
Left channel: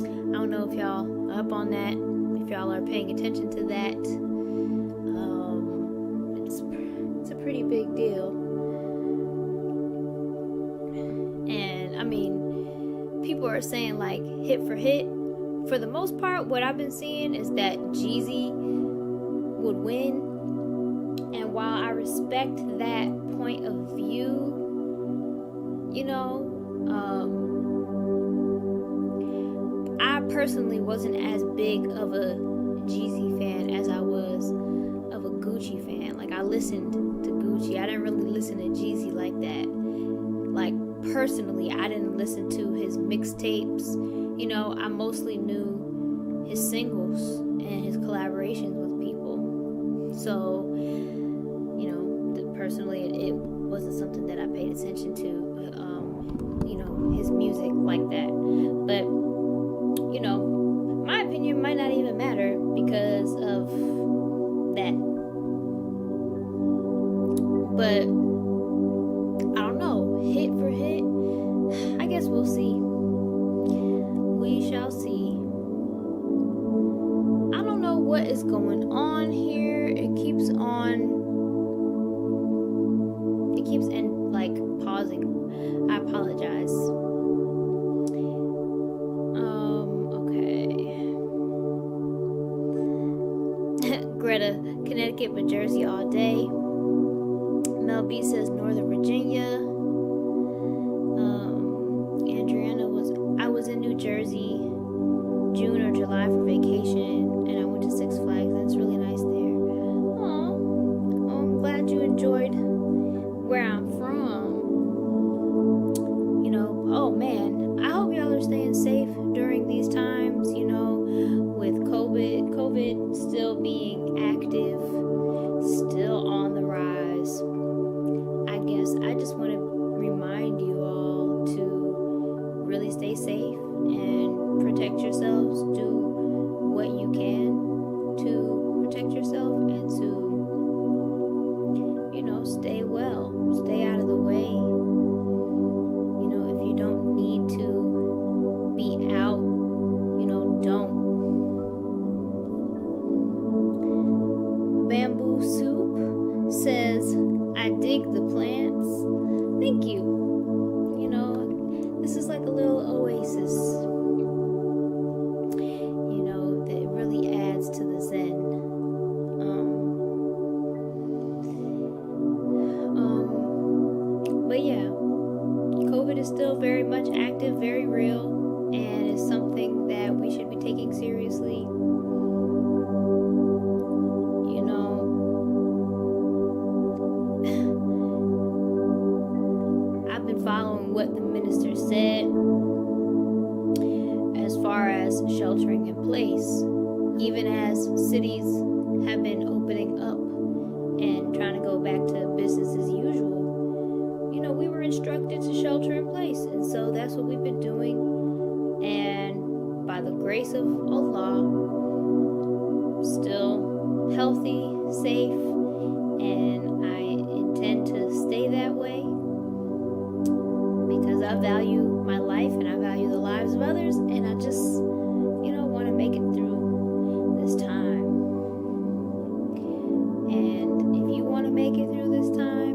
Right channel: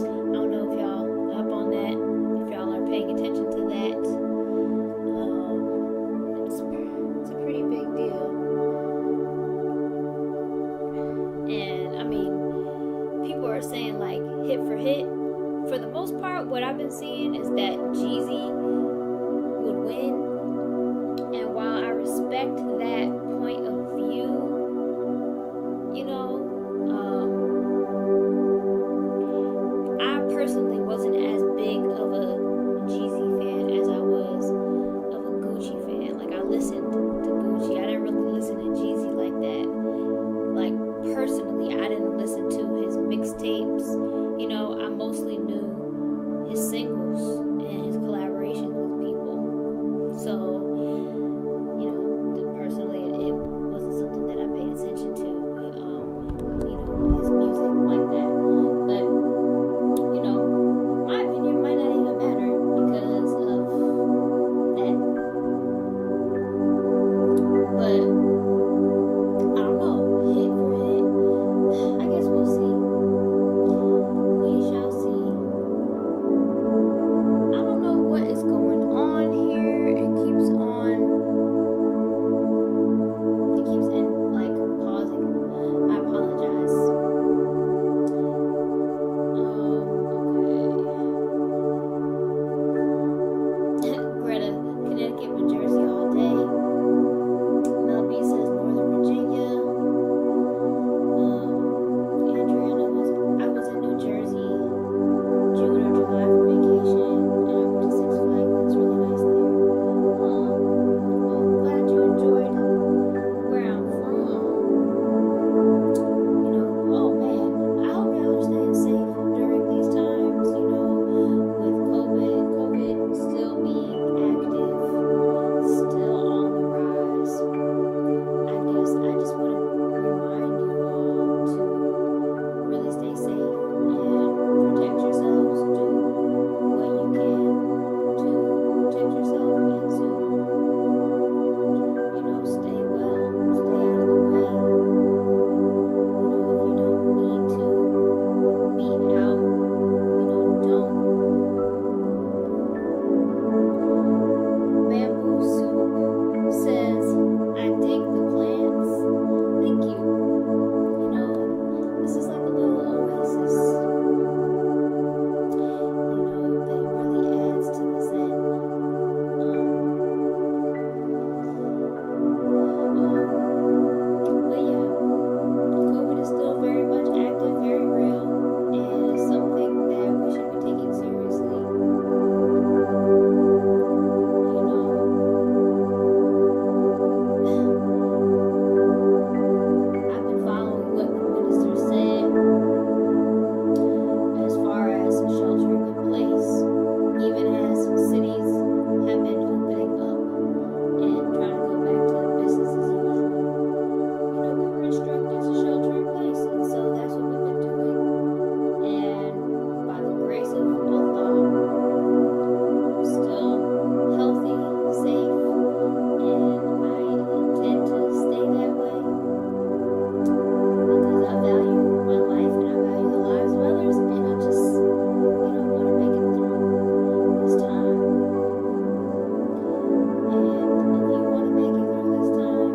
I don't know if y'all are up on that, if y'all are paying attention to that. It's a pretty big deal. And I mean, people are saying like hit for hit. For the most part, what I've been seeing is that Jeezy would win. And while I respect that point of view, I personally wasn't as big of a Jeezy fan as I was of a Gucci fan. Like, I listened to Gucci. I didn't really listen to Jeezy like that. Like, personally, I didn't listen to his mixtapes. I mostly knew his singles and his collaborations with people. So, personally, it wasn't something that I paid attention to, his music like that. But, my opinion might not even matter because of that. But, I don't know, hit for hit, I guess we'll see. We shall see. I don't know what is going on here. It keeps pausing. I apologize. Okay. Greta, Connecticut, but Jersey all day. Mel B says Northern Virginia. I was in New Jersey June or July for vacation, and I went to Six Flags. That's really nice there. Aw, I'm glad you enjoyed where I'm from. Oh man, I hope y'all are staying safe during these times, with COVID still being active, still on the rise. I guess I just want to remind you all to really stay safe and protect yourselves. Do what you can to protect yourself and to, stay well, stay out of the way. If you don't need to be out, don't. I dig the plants. Thank you. You know, this is like a little oasis, you know, that really adds to the zen. But yeah, COVID is still very much active, very real, and is something that we should be taking seriously. You know, I've been following what the minister said as far as sheltering in place, even as cities have been opening up and trying to go back to business as usual. You know, we were instructed to shelter in place, and so that's what we've been doing. And by the grace of Allah, still healthy, safe, and I intend to stay that way because I value my life and I value the lives of others, and I just, you know, want to make it through this time. And if you want to make it through this time,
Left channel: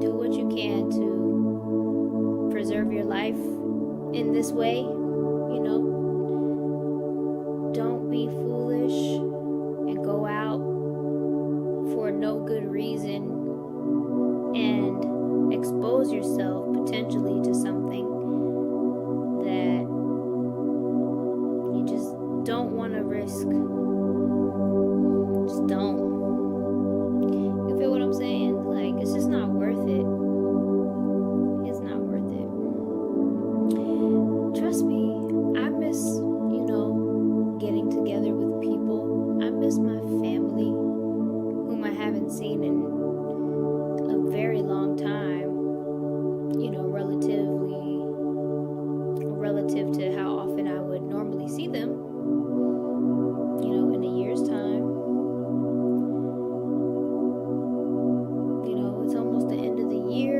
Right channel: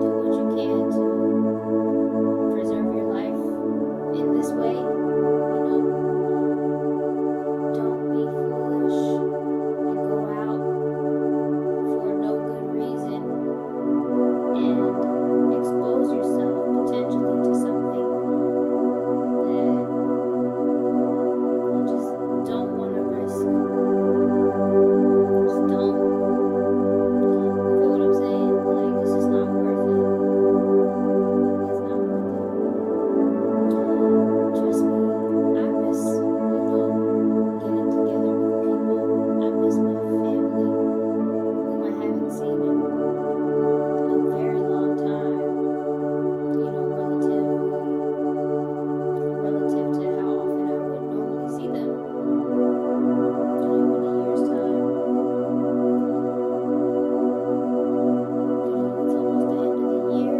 do what you can to preserve your life in this way. You know, don't be foolish and go out for no good reason and expose yourself potentially to something that you just don't want to risk. Just don't. You feel what I'm saying? Like, it's just not worth it. It's not worth it. Trust me, I miss, you know, getting together with people. I miss my family, whom I haven't seen in a very long time. You know, relative to how often I would normally see them. You know, in a year's time. You know, it's almost the end of the year.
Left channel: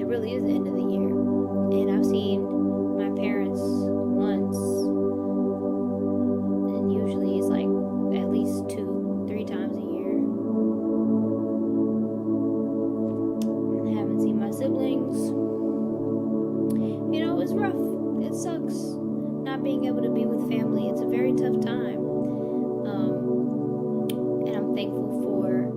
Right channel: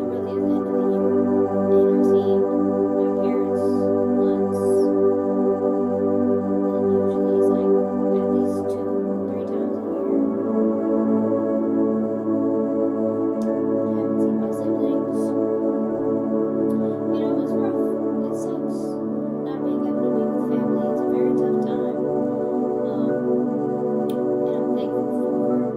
It really is the end of the year. And I've seen my parents once. And usually it's like at least 2-3 times a year. I haven't seen my siblings. You know, it's rough. It sucks not being able to be with family. It's a very tough time. And I'm thankful for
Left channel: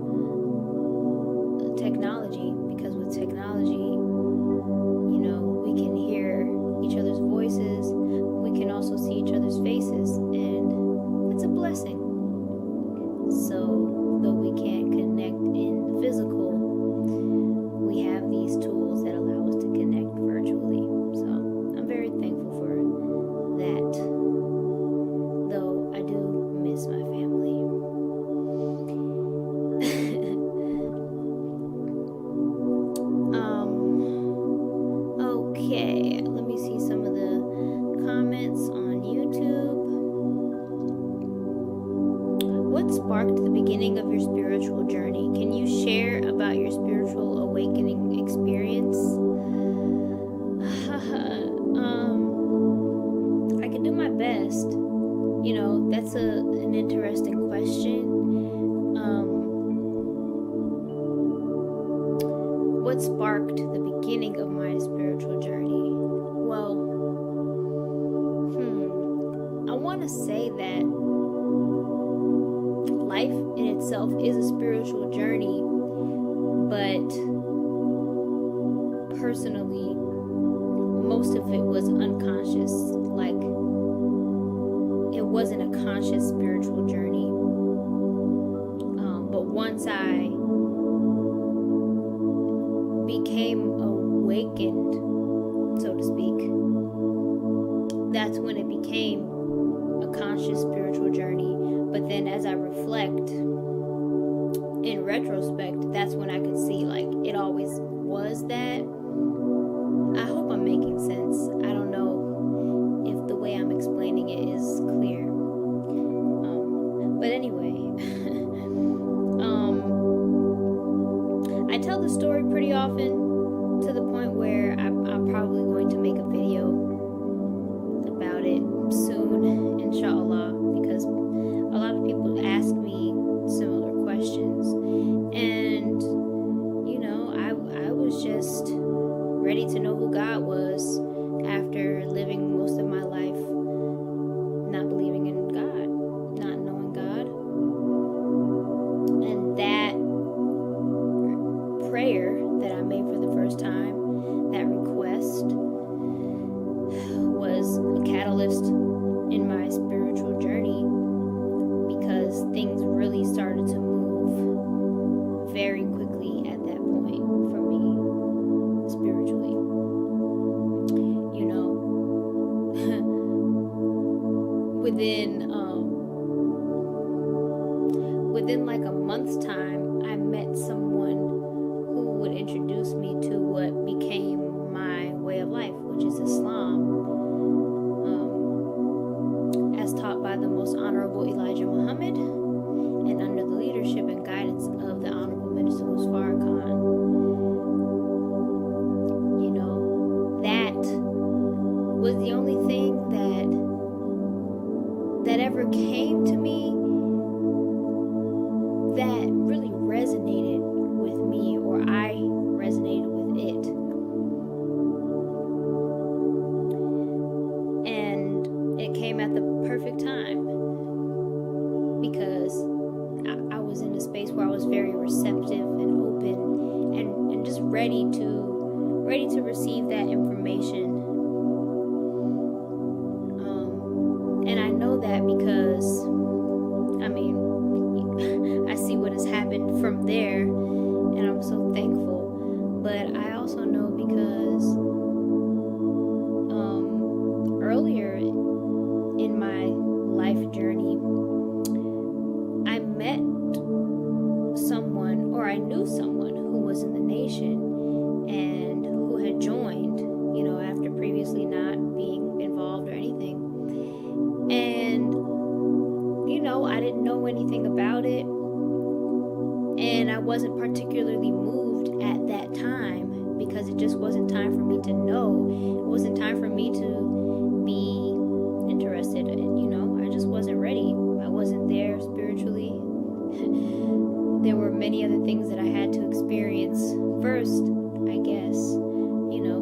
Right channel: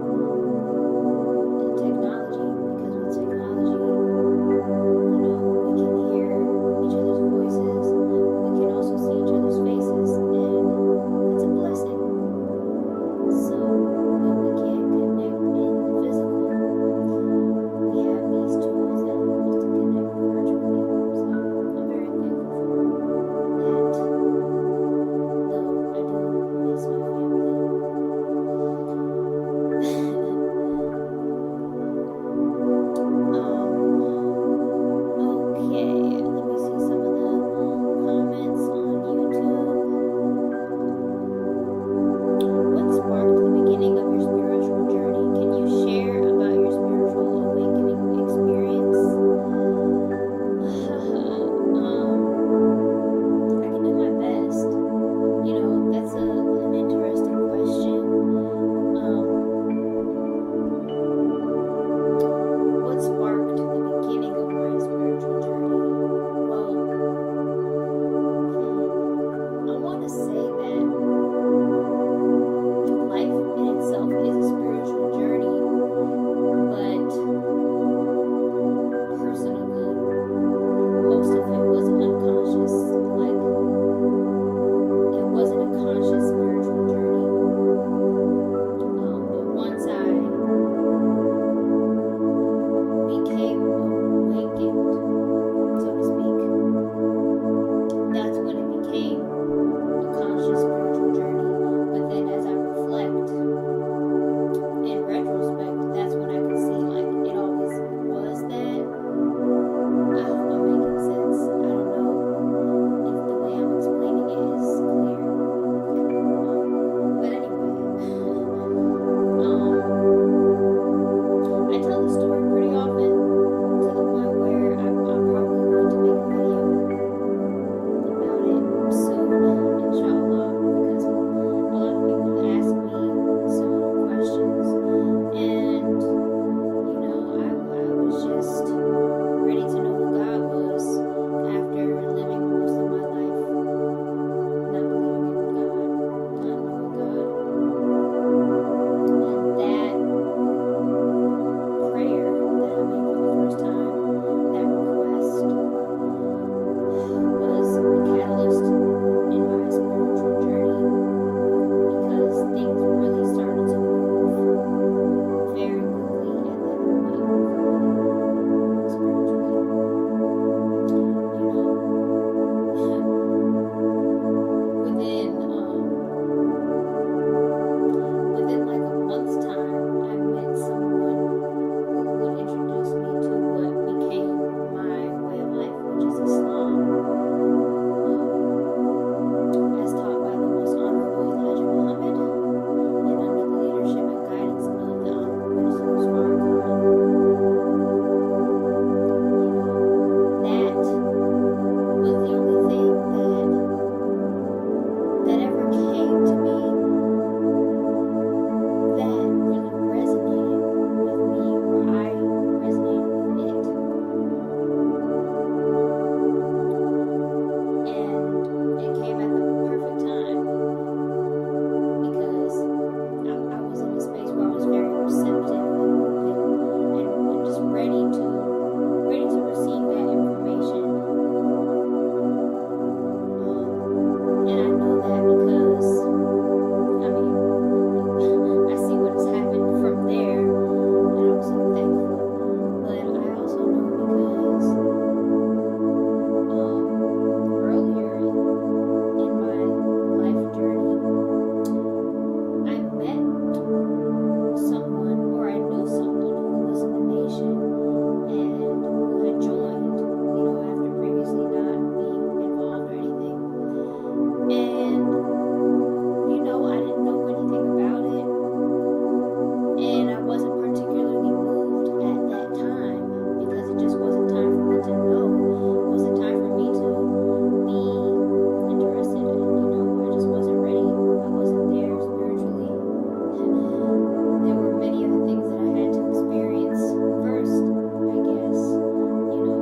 technology, because with technology, you know, we can hear each other's voices. We can also see each other's faces, and it's a blessing. So, though we can't connect in physical, we have these tools that allow us to connect virtually. So, I'm very thankful for that, though I do miss my family. Okay, let me see some of the comments on YouTube. What sparked the beginning of your spiritual journey? Can you share about your spiritual awakening experience? I can do my best. You know, that's an interesting question. What sparked the beginning of my spiritual journey? Well, I want to say that life in itself is a spiritual journey, but personally, most of it was unconscious. Like, it wasn't a conscious spiritual journey. But once I became awakened, so to speak, that's when it became a conscious spiritual journey. But then as I reflect, in retrospect, that's when I could see, like, it all things really started to move very quickly at that point for me, spiritually. You know, within like a month's time, I met someone who would introduce me to what became my way of life, which is Islam, as taught by the most honorable Elijah Muhammad, and under the leadership and guidance of the Honorable Minister Farrakhan. You know, that was the only thing that ever came to me that really resonated with me, or I resonated with it. And it came at the perfect time, because I was in a space where I was very receptive and open and just ready to receive that information. And I know that because, I mean, I see what has happened from there, and I'm so thankful. But I also know because earlier in my life journey, I met someone, or I knew someone who was in the nation and who had joined, you know, after previously not being involved or anything. And, you know, I didn't know anything about it, and I wasn't particularly moved at that time, because it just wasn't time for me to know. It wasn't time for me to be interested, and, you know, I just wasn't ready. I wasn't there spiritually. There were many other things that I had to experience first, I guess, you know.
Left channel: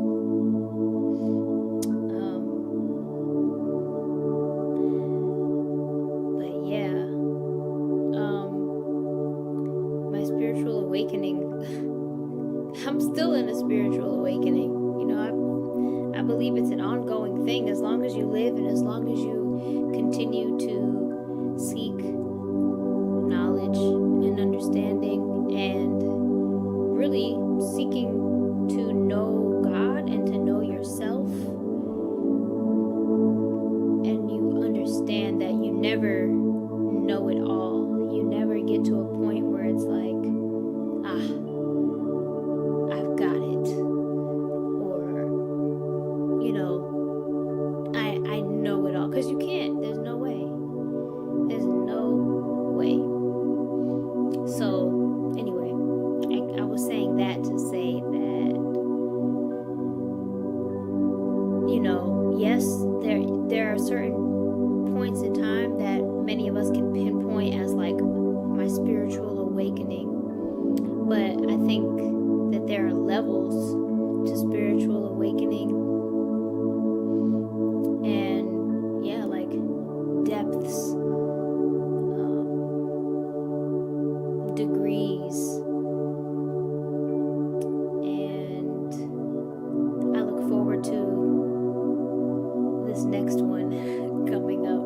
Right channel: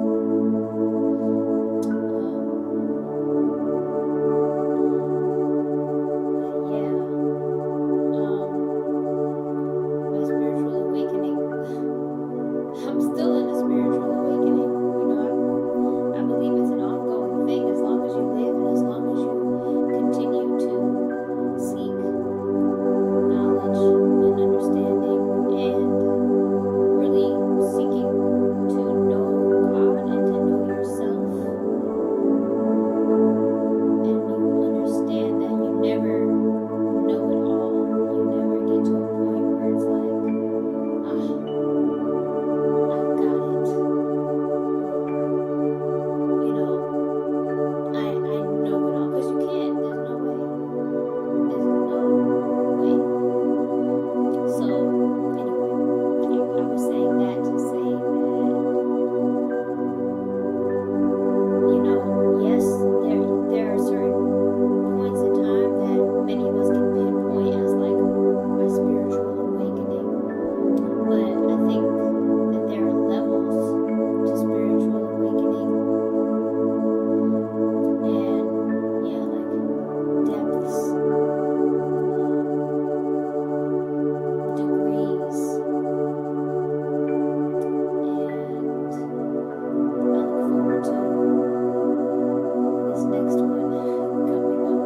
But yeah, my spiritual awakening, I'm still in a spiritual awakening. You know, I believe it's an ongoing thing. As long as you live and as long as you continue to seek knowledge and understanding, and really seeking to know God and to know yourself, and you understand that you never know it all. You never get to a point where it's like, I've got it, or, you know, I know it all, because you can't. There's no way. There's no way. So anyway, I was saying that to say that, you know, yes, there are certain points in time that many of us can pinpoint as like my spiritual awakening, but I think that there are levels to spiritual awakening, and yeah, like depths, degrees, and I look forward to this next one coming up.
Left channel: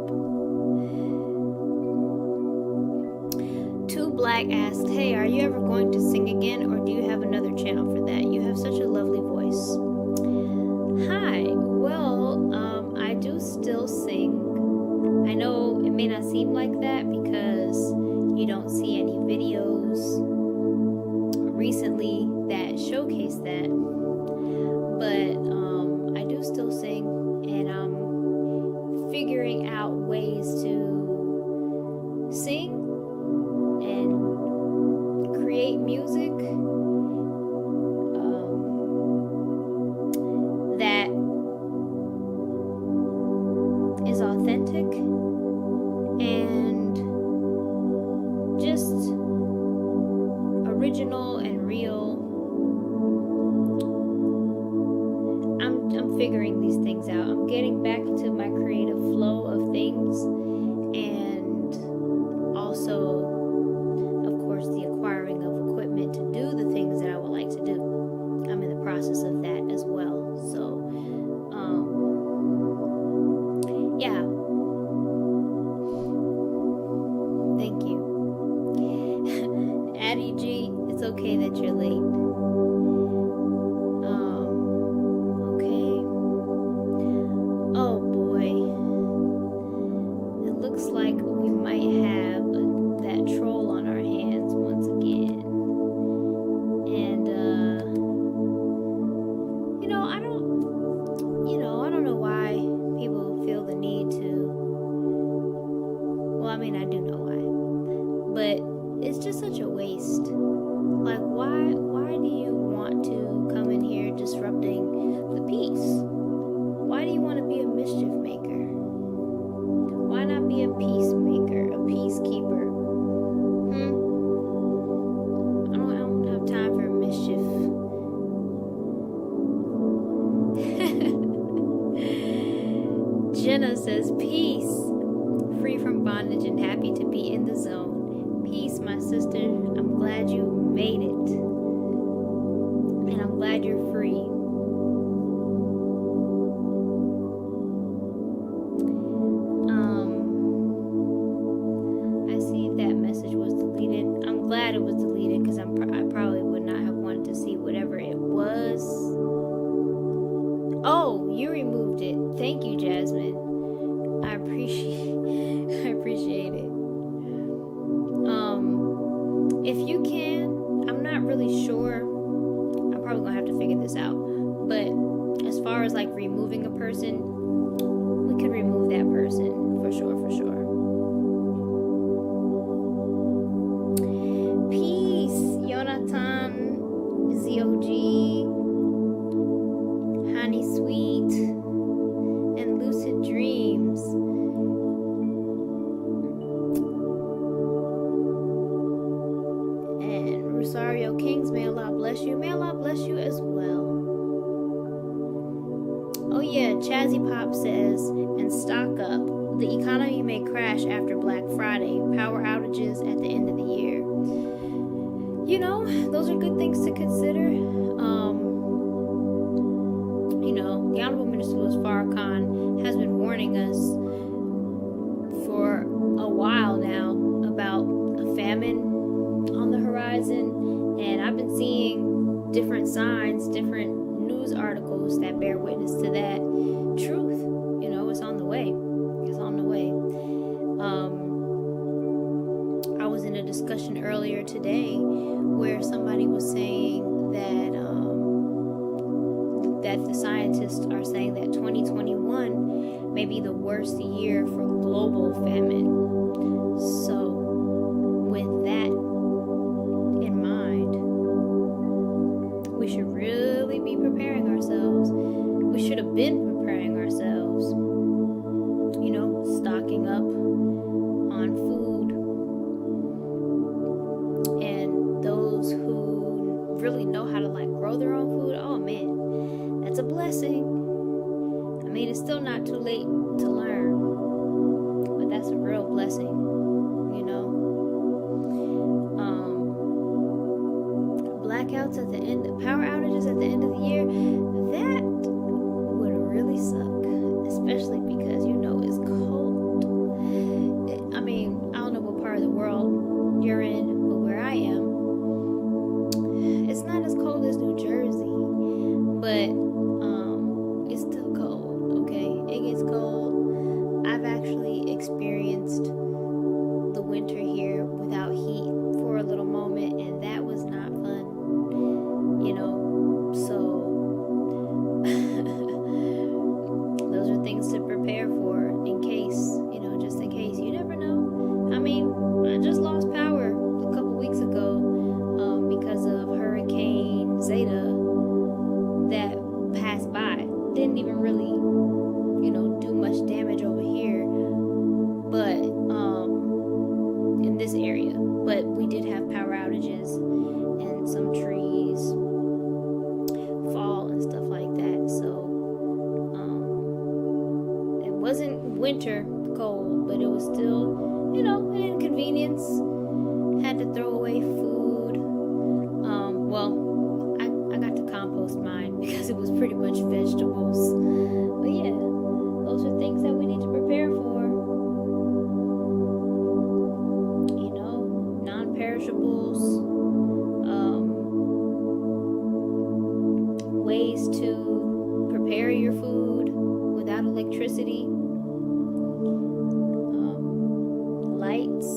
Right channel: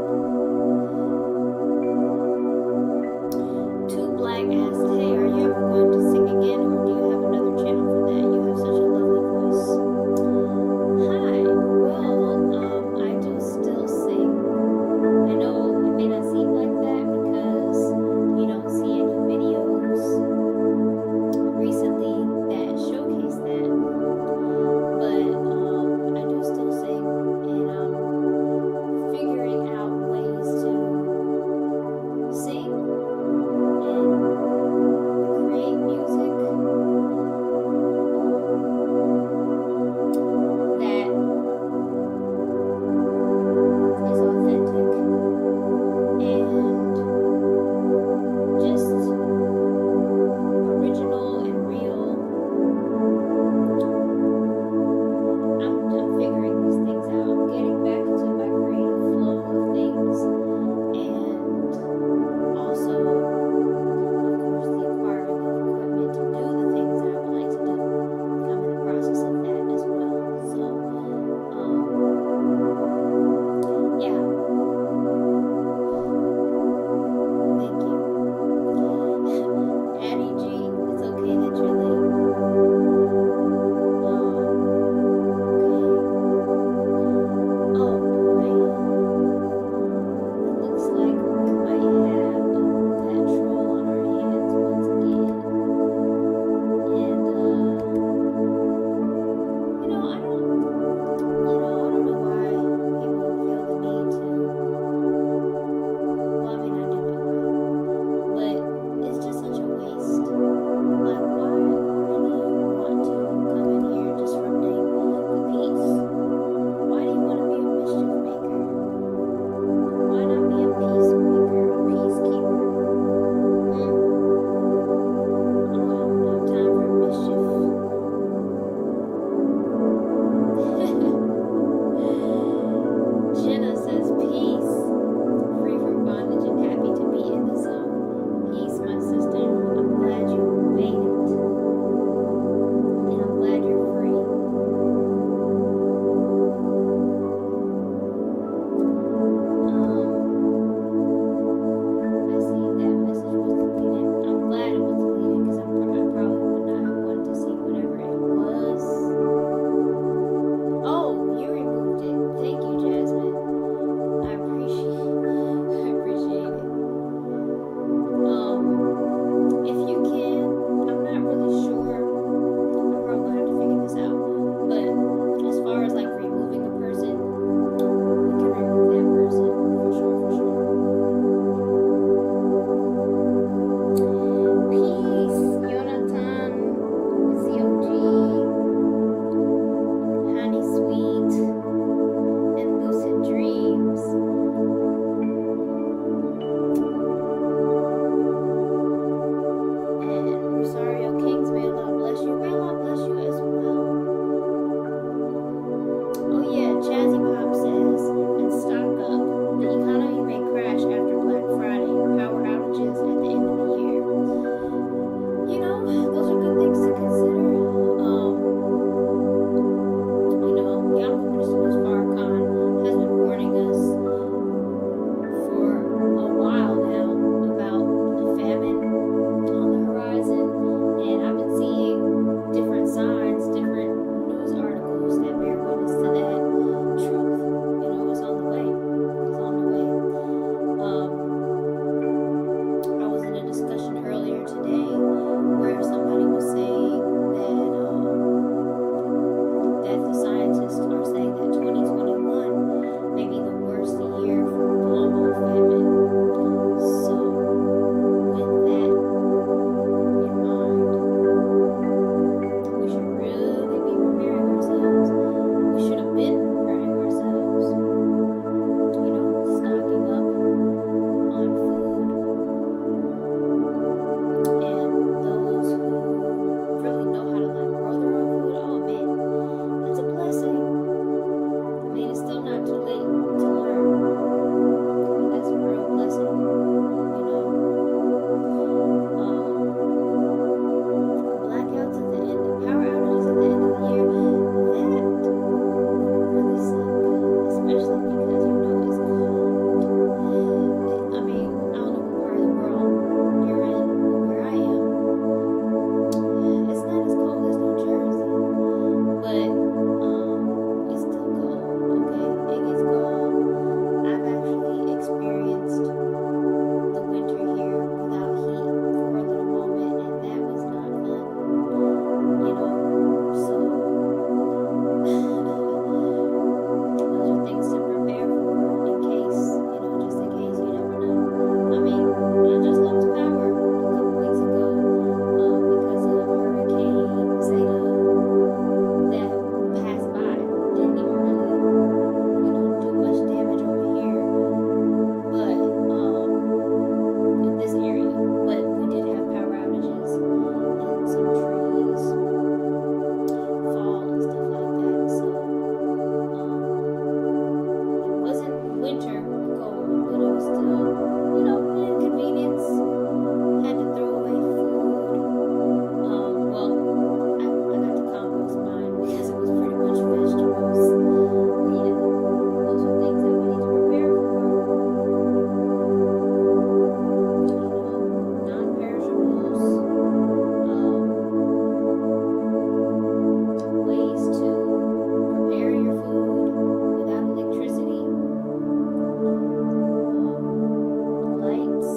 Too Black asked, hey, are you ever going to sing again, or do you have another channel for that? You have such a lovely voice. Hi, well, I do still sing. I know it may not seem like that because you don't see any videos recently that showcase that, but I do still sing, and I'm figuring out ways to sing and create music that is authentic and just original and real. I'm figuring these things out. I'm getting back to my creative flow of things, and but it's just such a waste. Like, why do you want to come in here disrupting the peace? Why do you want to be a mischief maker? Why not be a peacemaker, a peacekeeper? I don't have time for mischief. Jenna says, peace, free from bondage and happy to be in the zone. Peace, my sister. I'm glad you made it. And I'm glad you're free. I see that message was deleted. I'm glad it was deleted because I probably would not have wanted to see whatever it was. Oh, you removed it. Thank you, Jasmine. I appreciate it. If you can, I'm not really sure. I'm probably gonna have to figure this out. But as far as like removing a person, we could remove that person for sure. Peace, Jonathan, Zewdy, Honey Sweet, and Lucid Dreams. Rosario Kings, may Allah bless you. May Allah bless you as well. Oh yeah, Chazzy Pop says, and stock up. The economy may crash after Black Friday. Power outages at the end of the year. You know, those are good things to consider. The Honorable Minister Farrakhan has been warning us for a while now about a famine on the horizon, and I've been seeing different signs, different news articles that bear witness to that truth. It's on the way. I was in a discussion earlier today where somebody was saying that the scientists are saying that 2021 may be the worst year for global famine. So with that in mind, we should really be preparing ourselves. We should have been preparing ourselves, stocking up on food. And those who really know how to grow their own food, oh man, that's a blessing. I mean, it's still not too late to learn, but that's a real blessing. Blackouts at the end, power outages at the end of the year, that would really suck, especially because it's cold. I mean, I don't know what part of the world you're in, but where I am, it's not as cold as New Jersey, but it's still cold. Okay, it gets cold. I've actually experienced the winter here without heat for a little moment, and that was not fun. So those are things to prepare for in case, just in case. You never know. I mean, I just lost power a couple weeks ago because of Hurricane Zeta that passed by. Didn't even really, do much damage over here, but in this area. But we did have power outages and some trees fall and stuff like that. So it wasn't winter cold, but it was still, an inconvenience. Had to throw away food. Well, I got to compost mine because it was pretty much vegetables. But yeah, those are things that we need to prepare for. Non-perishables, ways to prepare your food without electricity, lights,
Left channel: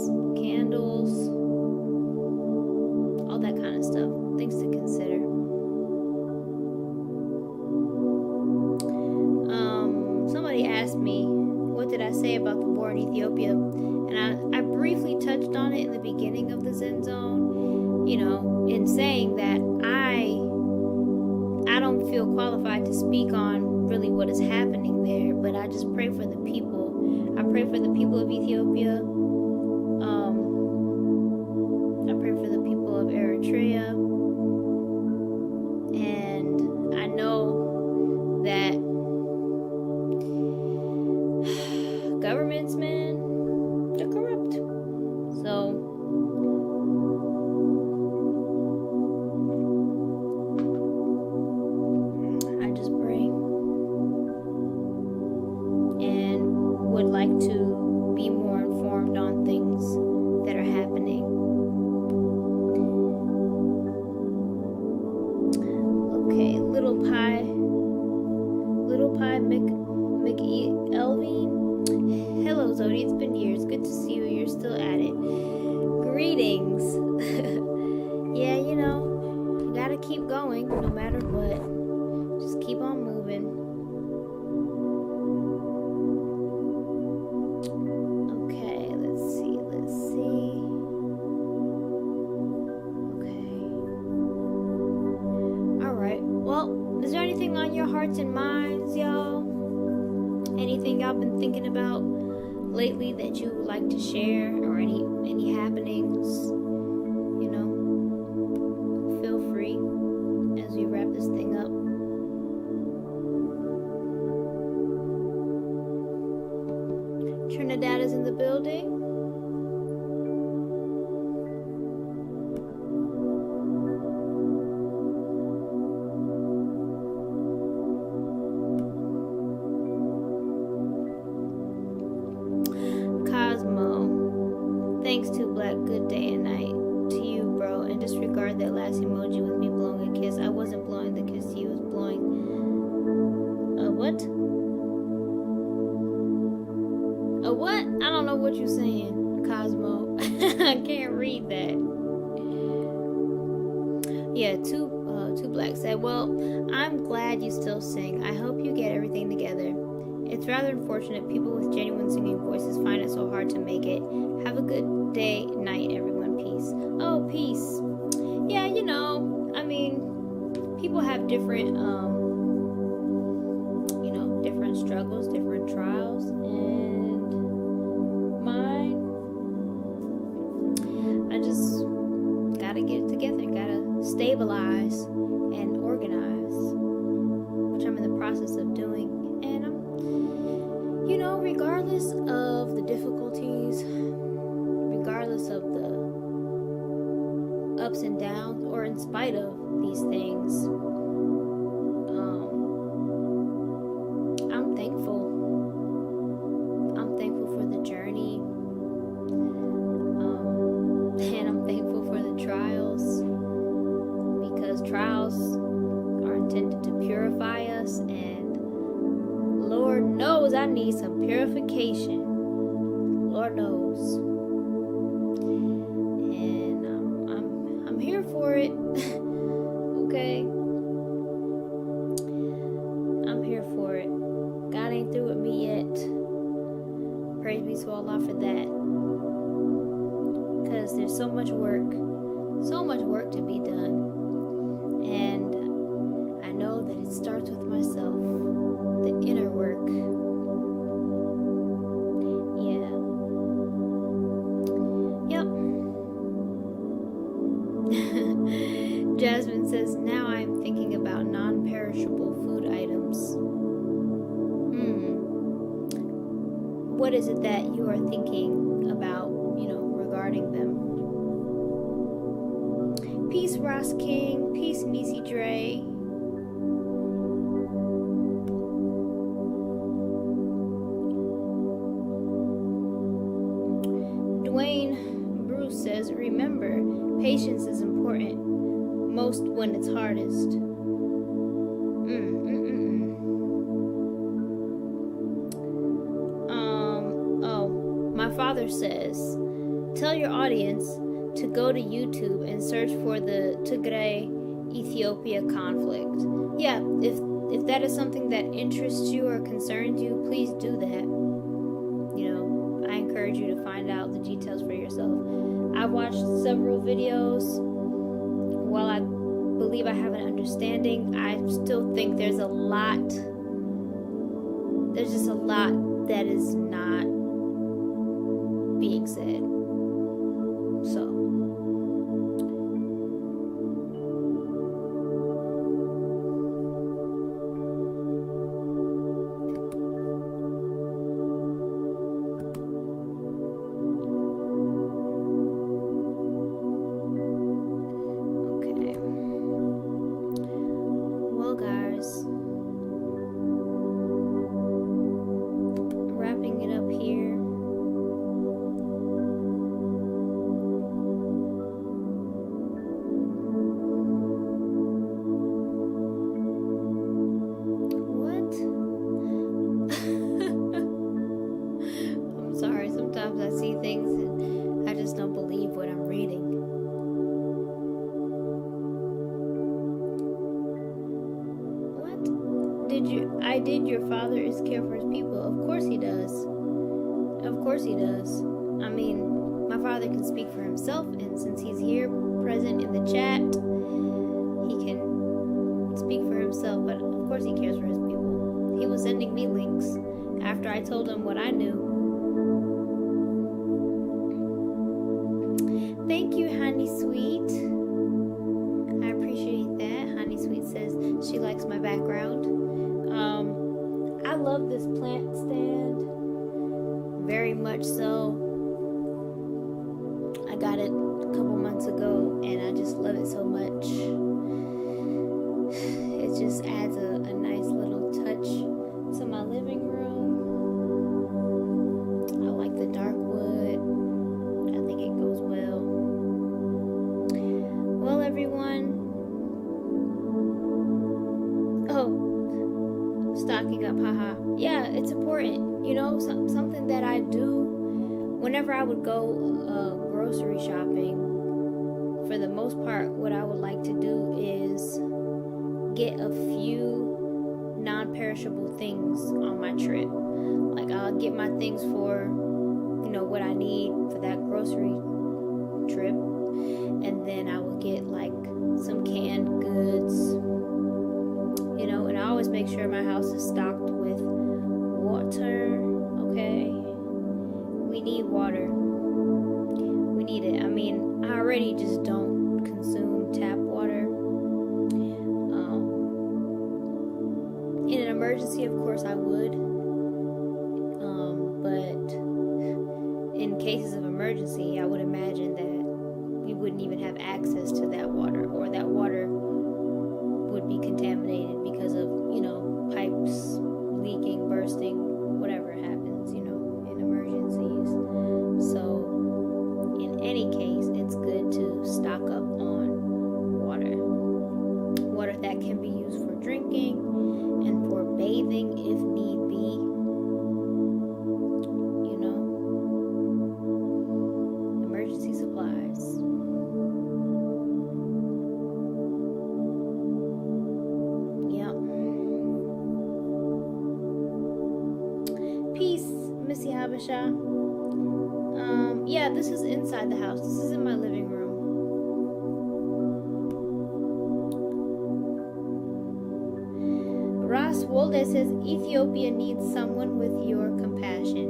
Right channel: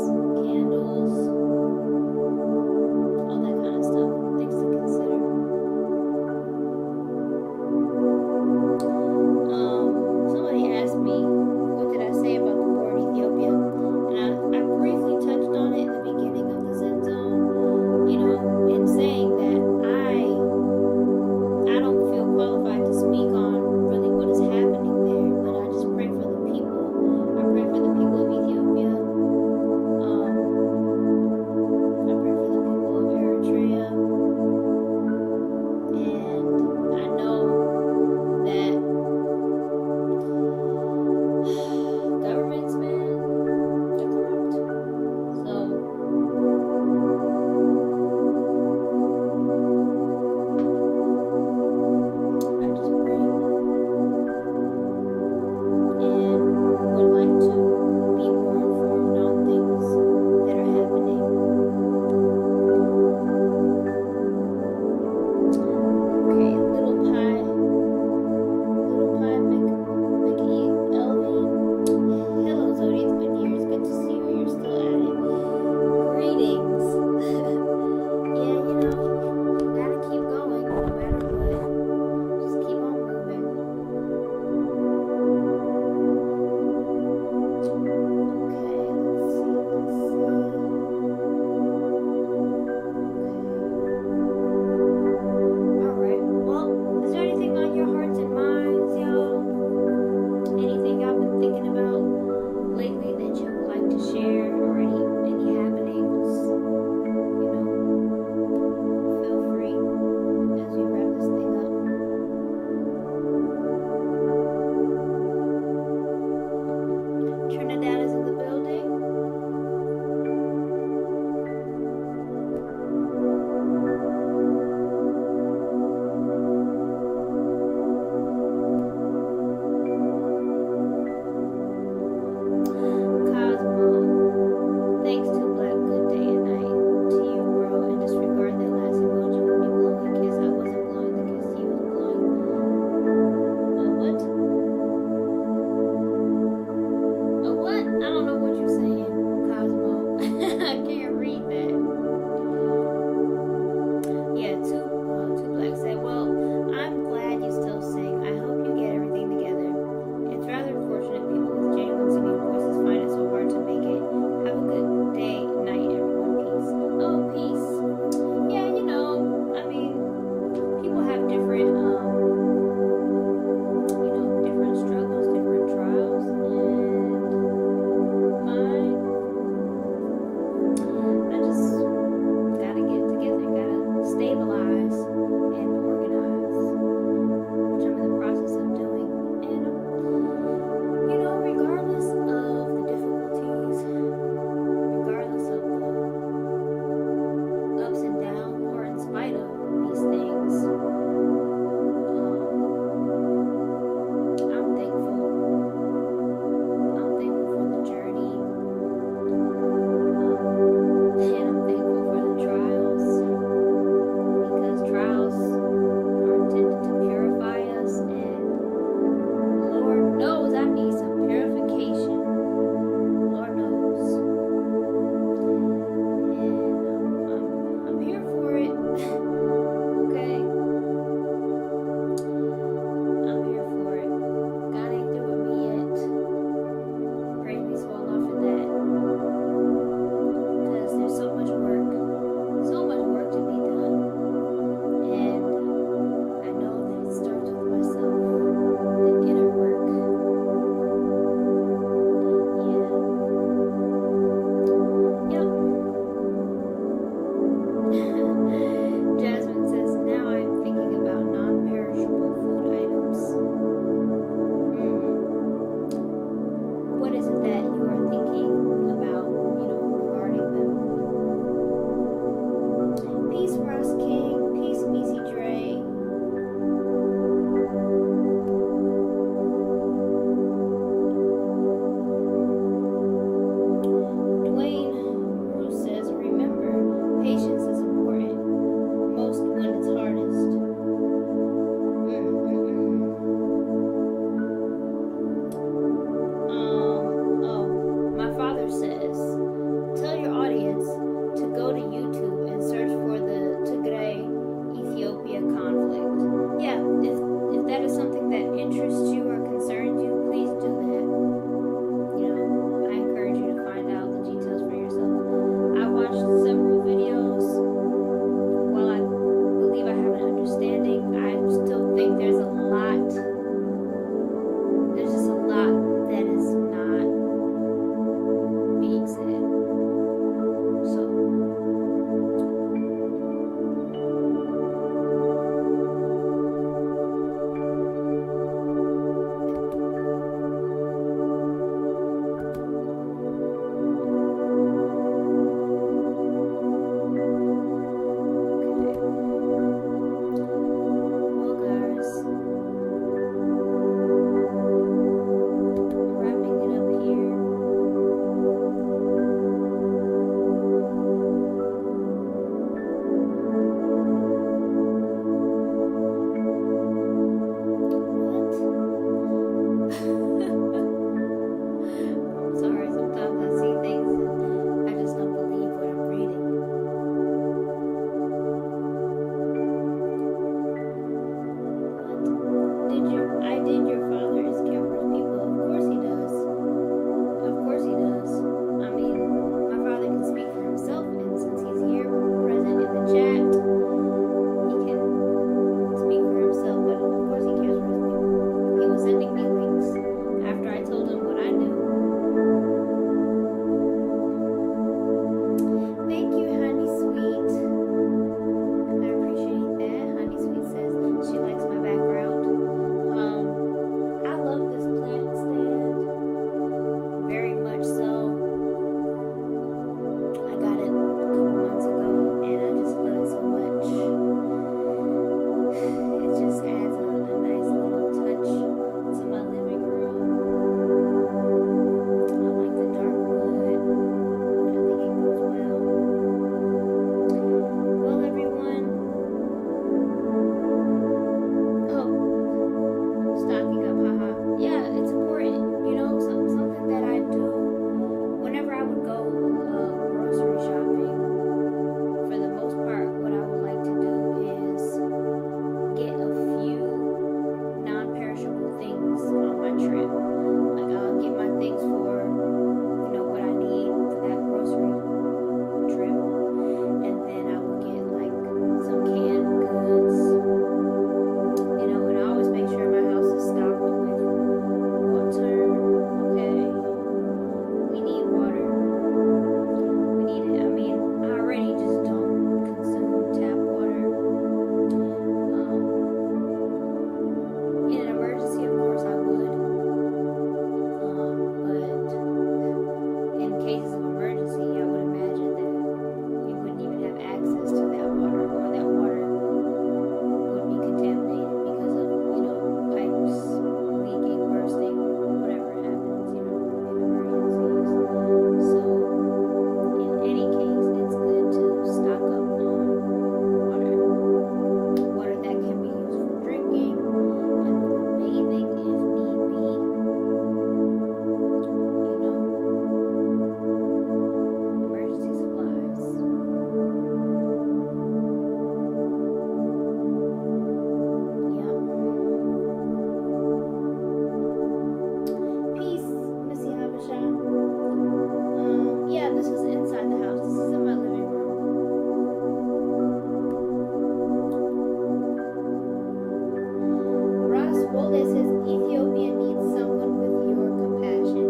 Greetings. Yeah, you know, gotta keep going no matter what. Just keep on moving. Okay, let's see. Okay. Alright, well, is there anything on your hearts and minds, y'all? Anything y'all been thinking about lately that you would like to share, or any happenings? You know, feel free as we wrap this thing up. Trinidad is in the building. Thanks to Black, good day and night to you, bro. And disregard that last emoji with me blowing a kiss. I wasn't blowing the kiss, he was blowing. What? What? I don't know what you're saying, Cosmo. I can't read that. Yeah, two Black said, well, I'm glad you still sing. I hope you get everything together. It's rather unfortunate people with genuine singing voices find it so hard to make it. Have a good day, night, everyone. Peace. Oh, peace. Yeah, you know, I mean, people have different, different struggles, different trials, and mine, I just gotta get it together, gotta stabilize and organize, which I'm in the process of doing. And regardless of the difficulties, regardless of the ups and downs, or in spite of these things, I'm thankful. I'm thankful for the journey, and I'm thankful for the trials, because trials are intended to purify us, and Lord knows I need some purification. Lord knows. And I'm here for it. Okay? I'm here for it. God ain't through with me yet. Praise be to Allah for that. Because there's so much work to be done. And I know that it starts with myself. The inner work. Jasmine says, now I'm thinking about non-perishable food items. What is it that you are thinking about, regarding them? Peace, Ross King. Peace, Nisi Dre. Dwayne Bruce says, remember, patience is important, most when it's hardest. My father says, tell your audience to go to YouTube and search for the Tigray-Ethiopia conflict. Yeah, if that is something that interests you or concerns you, please do that. I encourage you to find out the details for yourself. I watched several videos. While I believe I have an understanding, I still think there's just a lot that is not being said. So did. Your father is care for his people. Of course he does. Of course he does. I mean, my father can speak for himself, and since he's here, present in the chat, he can speak for himself. But of course he cares for his people. He was sending me links after I told him what I knew. Thank you, Honey Sweet. I appreciate that. Honey Sweet says she likes my background. I love this plant stand. Very much so. I got it a couple months ago and I just love it so much. It just adds a nice little touch to my living room. I like the dark wood. I think it goes well. Well, everyone. Oh, stocking up, haha. Yeah, it's important. You know, something that I do whenever I would go grocery shopping. For the most part, what I would like to do is get a few non-perishable things on my trip. Like I'll get my things for, you know, what I need for that grocery trip, and then I will get like some canned goods, you know, and I always make sure my house is stocked with water. Okay, we need water. We need it. I mean, I already just don't consume tap water. In an emergency, of course, I would. But in cases of emergency, I would imagine that we wouldn't even have access to that water, or that water would be contaminated because of, you know, pipes leaking, bursting, whatever happens, you know, in emergencies. So, in any case, it's good to stock up on water. Water that can be used for drinking and for bathing if need be. You know, emergency supplies. Yep. Peace, Missy Habasha. Yeah, this is inside the house. This is in my living room. Ross Wolde says Ethiopia needs someone with your compassion.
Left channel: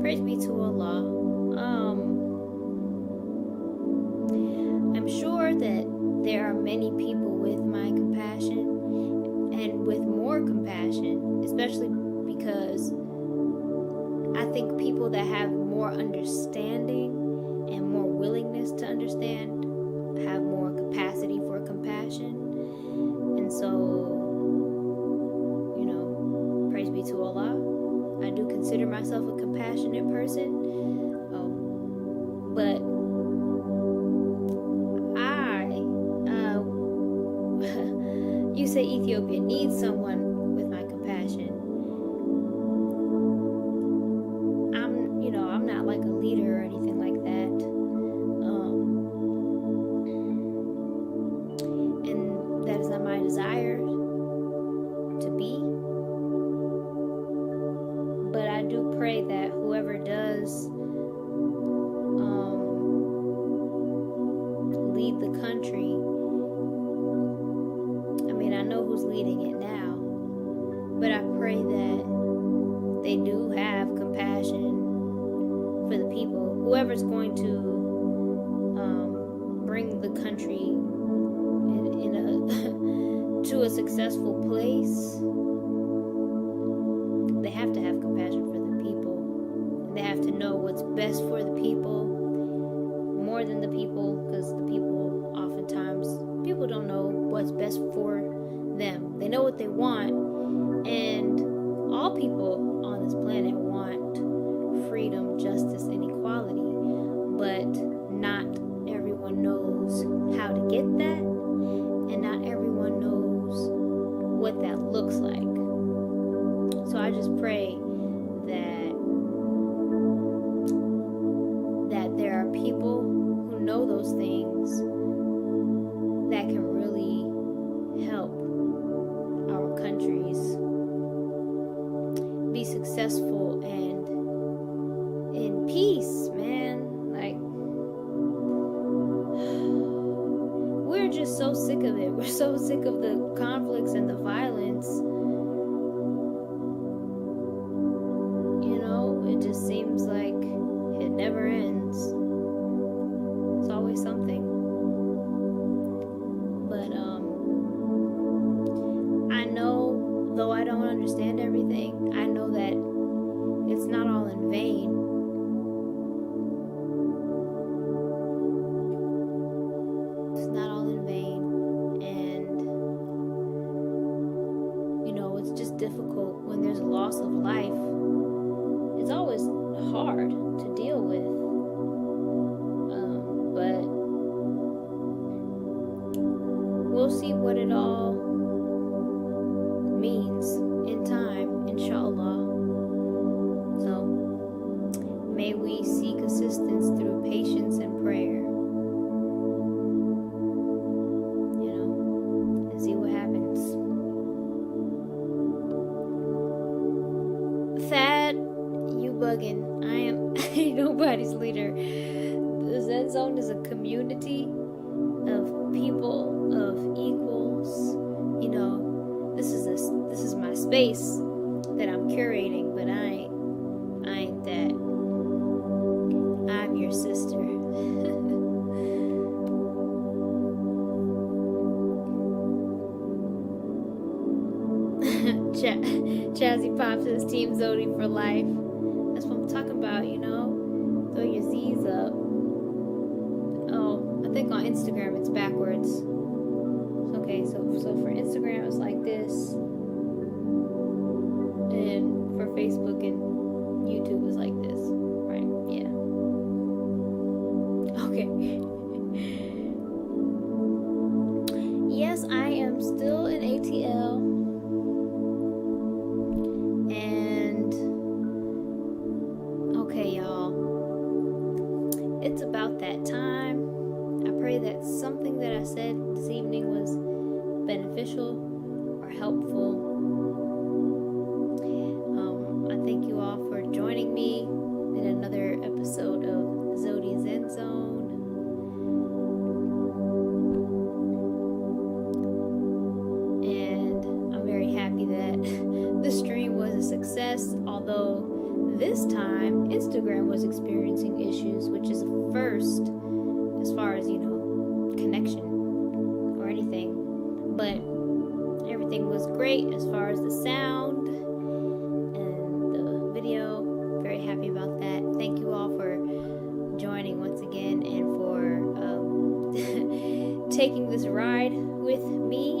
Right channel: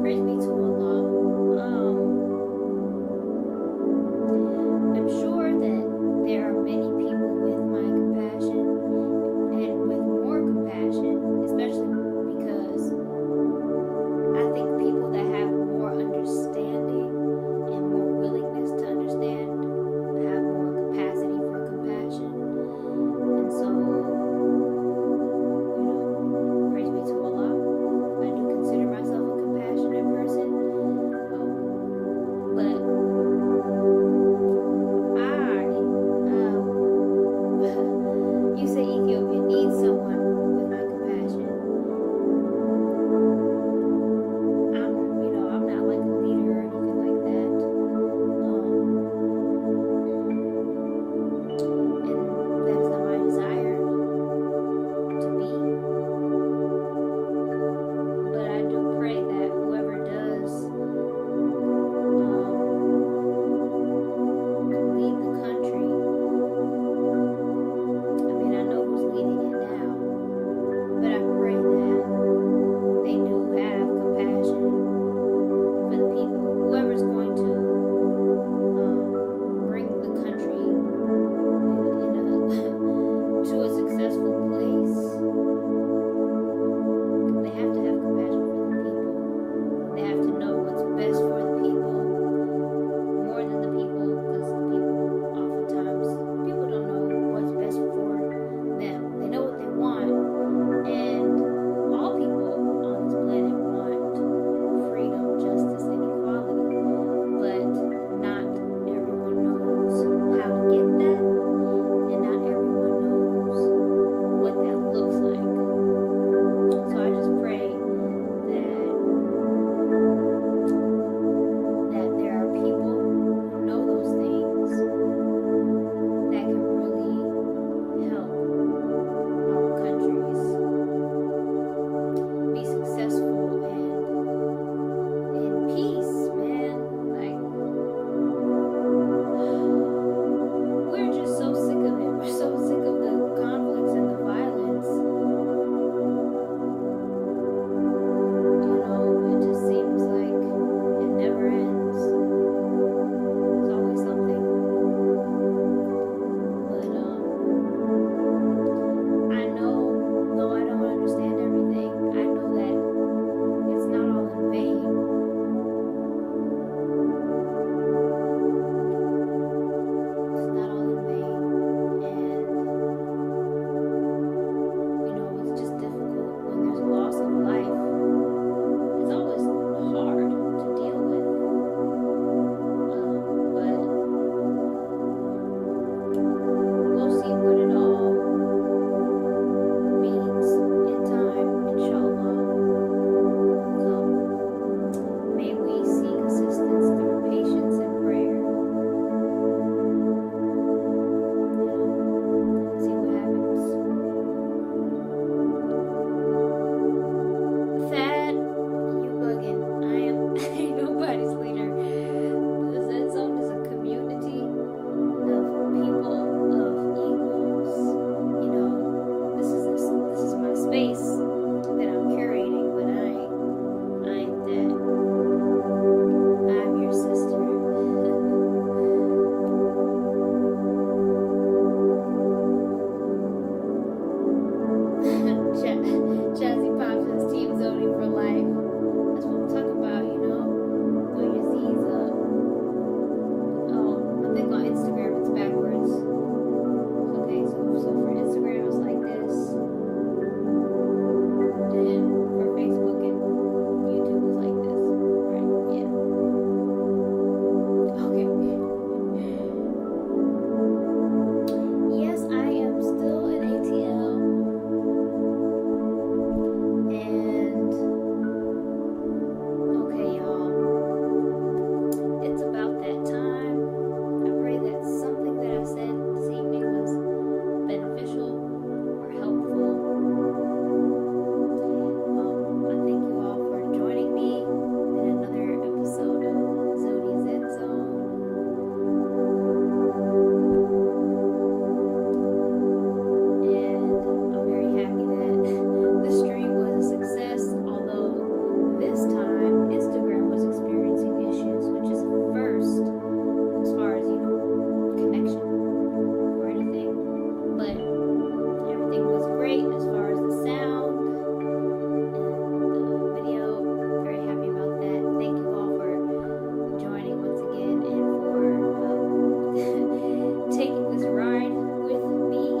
Praise be to Allah. I'm sure that there are many people with my compassion and with more compassion, especially because I think people that have more understanding and more willingness to understand have more capacity for compassion. And so, you know, praise be to Allah. I do consider myself a compassionate person. But you say Ethiopia needs someone with my compassion. I'm not like a leader or anything like that. And that is not my desire to be. But I do pray that whoever does lead the country, I mean, I know who's leading it now, but I pray that they do have compassion for the people. Whoever's going to bring the country to a successful place, they have to have compassion for the people. They have to know what's best for the people more than the people, because the people oftentimes, people don't know what's best for them. They know what they want, and all people on this planet want freedom, justice, and equality, but not everyone knows how to get that, and not everyone knows what that looks like. So I just pray that there are people who know those things that can really help our countries we're so sick of the conflicts and the violence. You know, it just seems like it never ends. It's always something. But I know, though I don't understand everything, I know that it's not all in vain. It's not all in vain. And, you know, it's just difficult when there's a loss of life. It's always hard to deal with. But we'll see what it all means in time, insha'Allah. So may we seek assistance through patience and prayer. You know, and see what happens. Thad, you bugging. I ain't nobody's leader. The Zen Zone is a community of people, of equals. You know, this is my space that I'm curating, but I ain't that. I'm your sister. Chazzy Pop says Team Zewdy for life. That's what I'm talking about, you know. Throw your Z's up. Oh, I think on Instagram it's backwards. Okay, so for Instagram it's like this. And for Facebook and YouTube is like this. Right, yeah. Okay. Yes, I am still in ATL. And okay, y'all. It's about that time. I pray that something that I said this evening was beneficial or helpful. I thank you all for joining me in another episode of Zewdy Zen Zone. And I'm very happy that the stream was a success, although this time Instagram was experiencing issues, which is a first as far as, you know, connection or anything. But everything was great as far as the sound and the video. Very happy about that. Thank you all for joining once again and for taking this ride with me